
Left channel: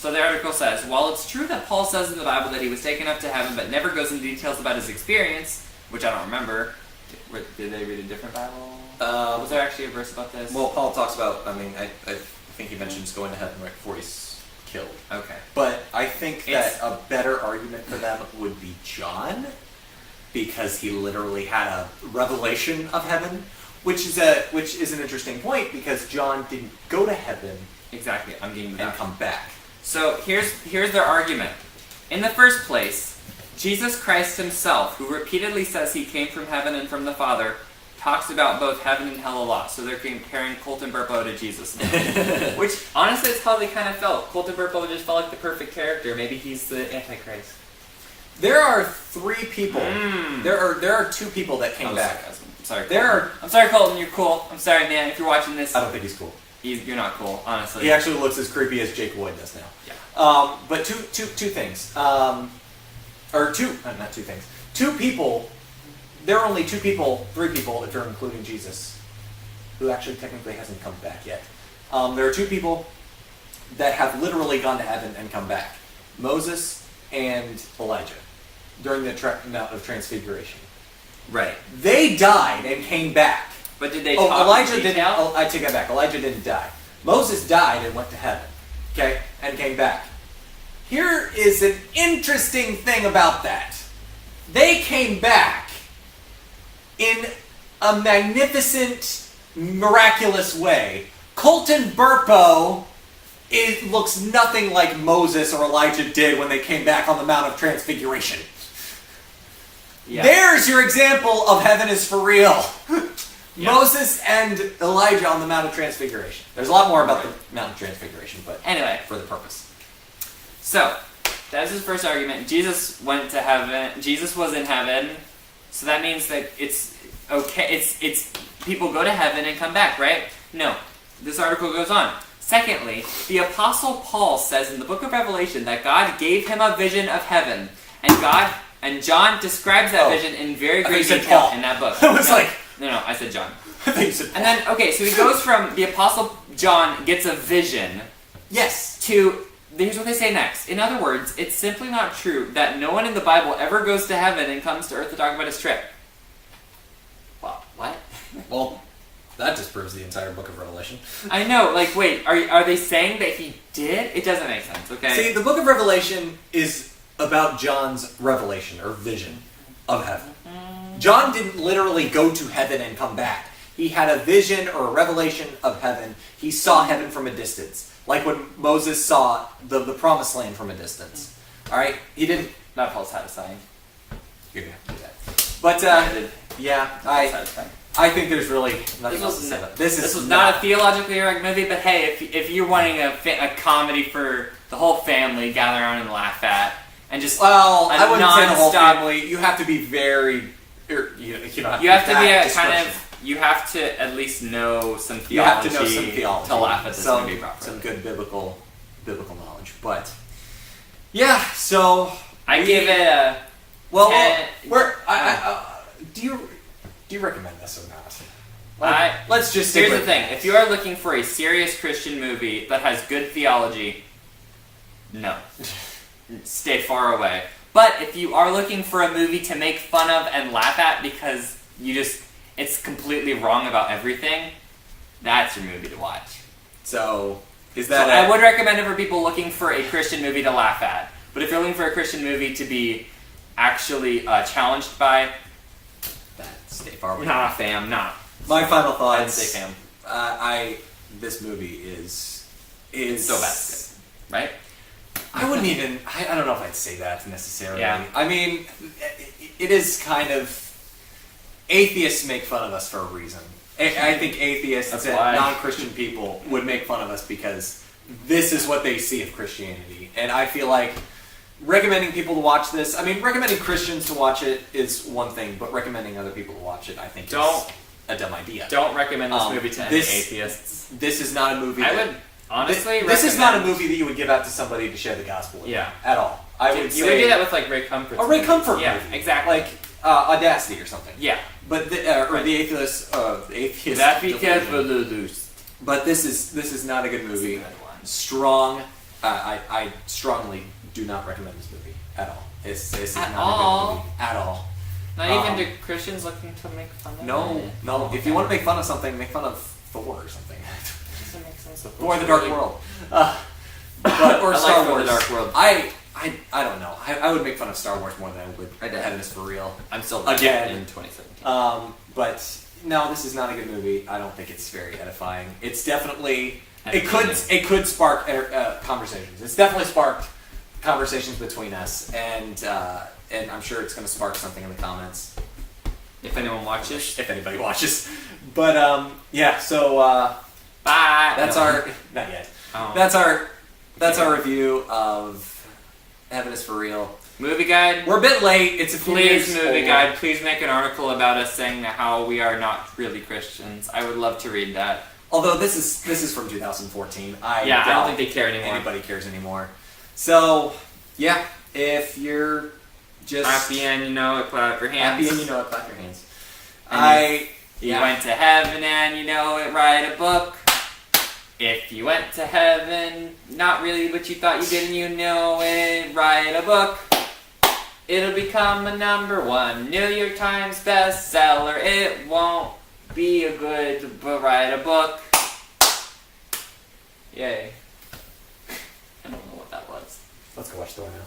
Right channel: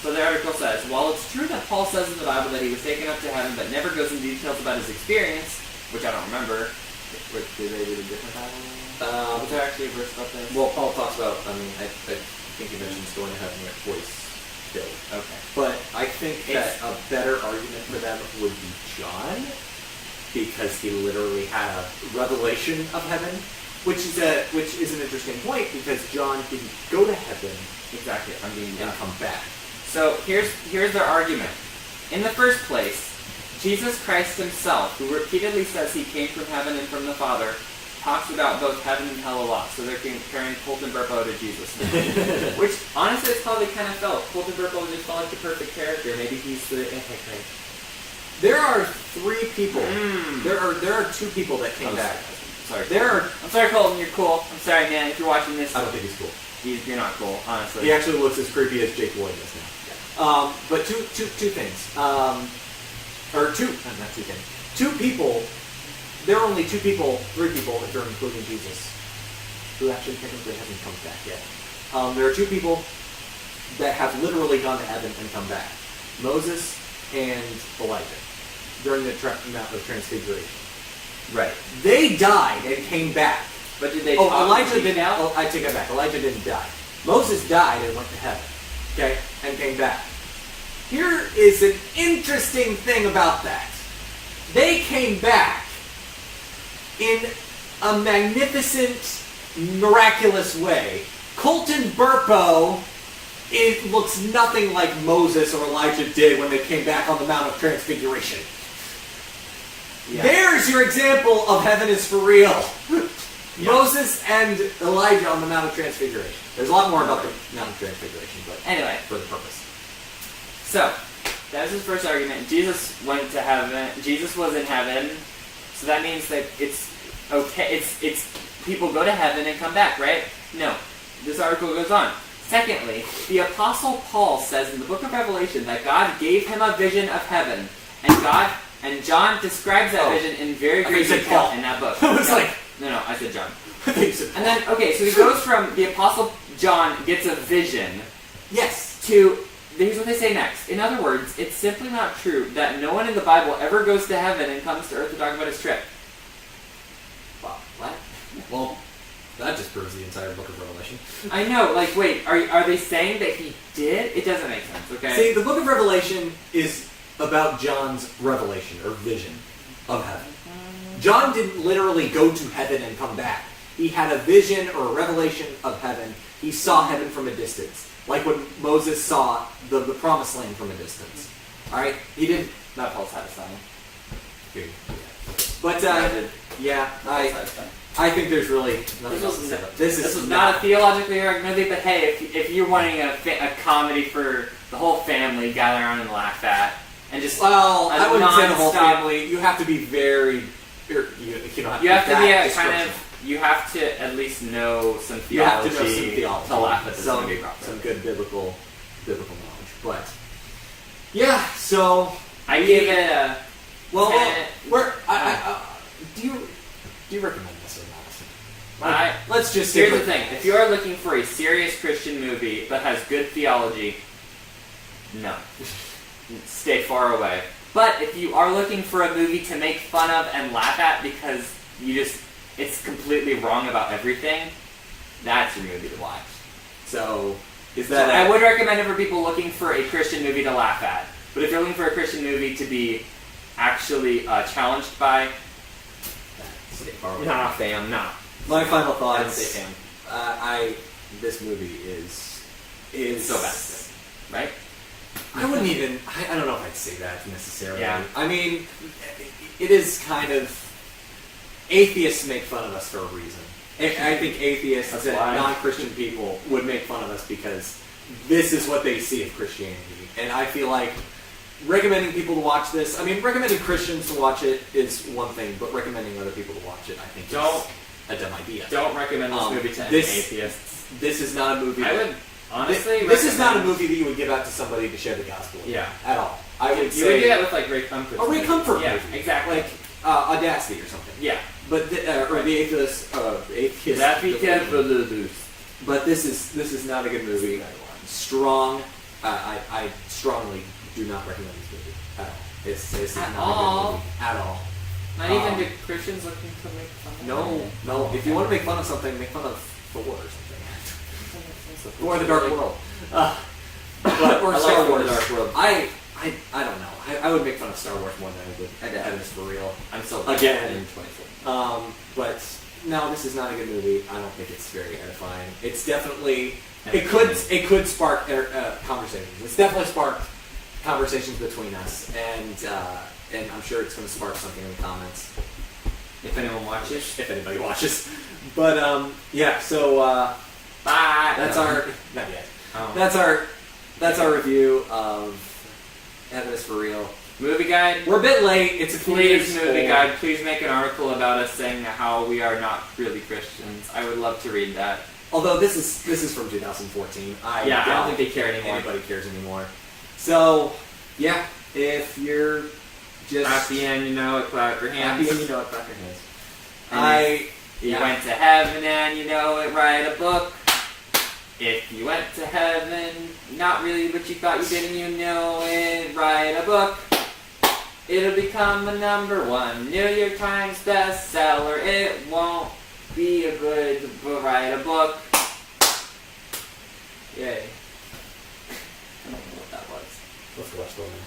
So the article says, while it's true that Paul says in the Bible that he was taken up to heaven, but never goes into details about his experience, which I don't remember. Did they read a different Bible? Was there actually a verse about this? Well, Paul talks about. I mean, I think he mentions going to heaven right before he's killed. Okay. But I think that It's- a better argument for them would be John, because he literally had a revelation of heaven, which is an interesting point because John didn't go to heaven Exactly. I'm being and dumb. come back. So here's their argument. In the first place, Jesus Christ himself, who repeatedly says he came from heaven and from the Father, talks about both heaven and hell a lot. So they're comparing Colton Burpo to Jesus now. Which, honestly, it's how they kind of felt. Colton Burpo just felt like the perfect character. Maybe he's the Antichrist. There are three people. Mm. There are two people that came back. I'm sorry. There Colton. I'm sorry, Colton. You're cool. I'm sorry, man. If you're watching this, I don't think he's cool. you're not cool, honestly. He actually looks as creepy as Jake Lloyd does now. Yeah. But two things. Not two things. Two people. There are only three people, if you're including Jesus, who actually technically hasn't come back yet. There are two people that have literally gone to heaven and come back. Moses and Elijah during the Mount of Transfiguration. Right. They died and came back. But did they Oh, talk Elijah in didn't. detail? Oh, I take that back. Elijah didn't die. Moses died and went to heaven. Okay, and came back. Here is an interesting thing about that. They came back in a magnificent, miraculous way. Colton Burpo looks nothing like Moses or Elijah did when they came back on the Mount of Transfiguration. Yeah. There's your example of heaven is for real. Yeah. Moses and Elijah on the Mount of Transfiguration. There's a lot more about the Mount of Transfiguration, but Anyway, for the purpose. so that was his first argument. Jesus went to heaven. Jesus was in heaven, so that means that it's okay. It's people go to heaven and come back, right? No. This article goes on. Secondly, the Apostle Paul says in the book of Revelation that God gave him a vision of heaven, and John describes that Oh. vision in very I thought great you said detail Paul. in that book. I was like- no, I said John. I think you said And then, okay, so he goes from the Apostle John gets a vision yes. to, here's what they say next. In other words, it's simply not true that no one in the Bible ever goes to heaven and comes to earth to talk about his trip. Well, what? Well, that just proves the entire book of Revelation. I know, like, wait, are they saying that he did? It doesn't make sense, okay? See, the book of Revelation is about John's revelation or vision of heaven. John didn't literally go to heaven and come back. He had a vision or a revelation of heaven. He saw heaven from a distance. Like when Moses saw the promised land from a distance. Alright? He didn't... Not Paul's had a sign. Here, do that. But, I did. Yeah, Satisfying. I think there's really nothing else to say. This was not a theologically correct movie, but hey, if you're wanting a comedy for the whole family, gather around and laugh at, and just Well, a I wouldn't say the whole nonstop- family. You have to be very. You you have to be that a kind description. of. You have to at least know some You have theology, to know some theology to laugh at this some, movie properly. some good biblical knowledge. But yeah, so I give it a. well, 10. do you recommend this or not? Let's just Here's the thing: if you are looking for a serious Christian movie that has good theology, no, stay far away. But if you are looking for a movie to make fun of and laugh at because it's completely wrong about everything, that's your movie to watch. So is So that I would recommend it for people looking for a Christian movie to laugh at. But if you're looking for a Christian movie to be actually challenged by, stay far away? nah, fam, nah. My final I'd thoughts. say fam. This movie is So bad, it's good, right? I wouldn't even. I don't know if I'd say that necessarily. Yeah. I mean, it is kind of. Atheists make fun of us for a reason. I think atheists That's and why. non-Christian people would make fun of us because this is what they see of Christianity. And I feel like recommending people to watch this. I mean, recommending Christians to watch it is one thing, but recommending other people to watch it, I think, Don't- is a dumb idea. Don't recommend this movie to any this- atheists. This is not a movie. I that- would honestly. This is not a recommend- movie that you would give out to somebody to share the gospel with. Yeah. At all. I would You say would do that with like Ray Comfort. a Ray Comfort Yeah, movie. exactly. Like Audacity or something. Yeah. But or Right. the atheist. The atheist. That be careful, Lulus. But this is not a good movie. Strong. I strongly do not recommend this movie at all. This is At not a all? good movie at all. Not Um, even to Christians looking to make fun of No. If you want to make fun of something, make fun of Thor or something. Thor: The Dark World. But or I like Star Thor: Wars. The Dark World. I don't know. I would make fun of Star Wars more than I would Heaven is for Real. I'm still Again. in 2017. But no, this is not a good movie. I don't think it's very edifying. It's definitely it Entertaining. could spark conversations. It's definitely sparked conversations between us, and I'm sure it's going to spark something in the comments If anyone watches, if anybody watches. But yeah, so bye. that's No. our not yet. Oh. That's our review of Heaven is for Real. Movie guide. We're a bit late. It's a few Please, years movie old. guide. Please make an article about us saying how we are not really Christians. I would love to read that. Although this is from 2014. I Yeah, I doubt don't think they care anymore. anybody cares anymore. So yeah, if you're just Happy and you know it, clap your hands. happy and you know it, clap your hands. And You yeah. went to heaven and you know it, write a book. If you went to heaven, not really what you thought you did and you know it, write a book. It'll become a #1 New York Times bestseller. It won't be a good, but write a book. Yay. I don't know what that was. Let's go watch the one now.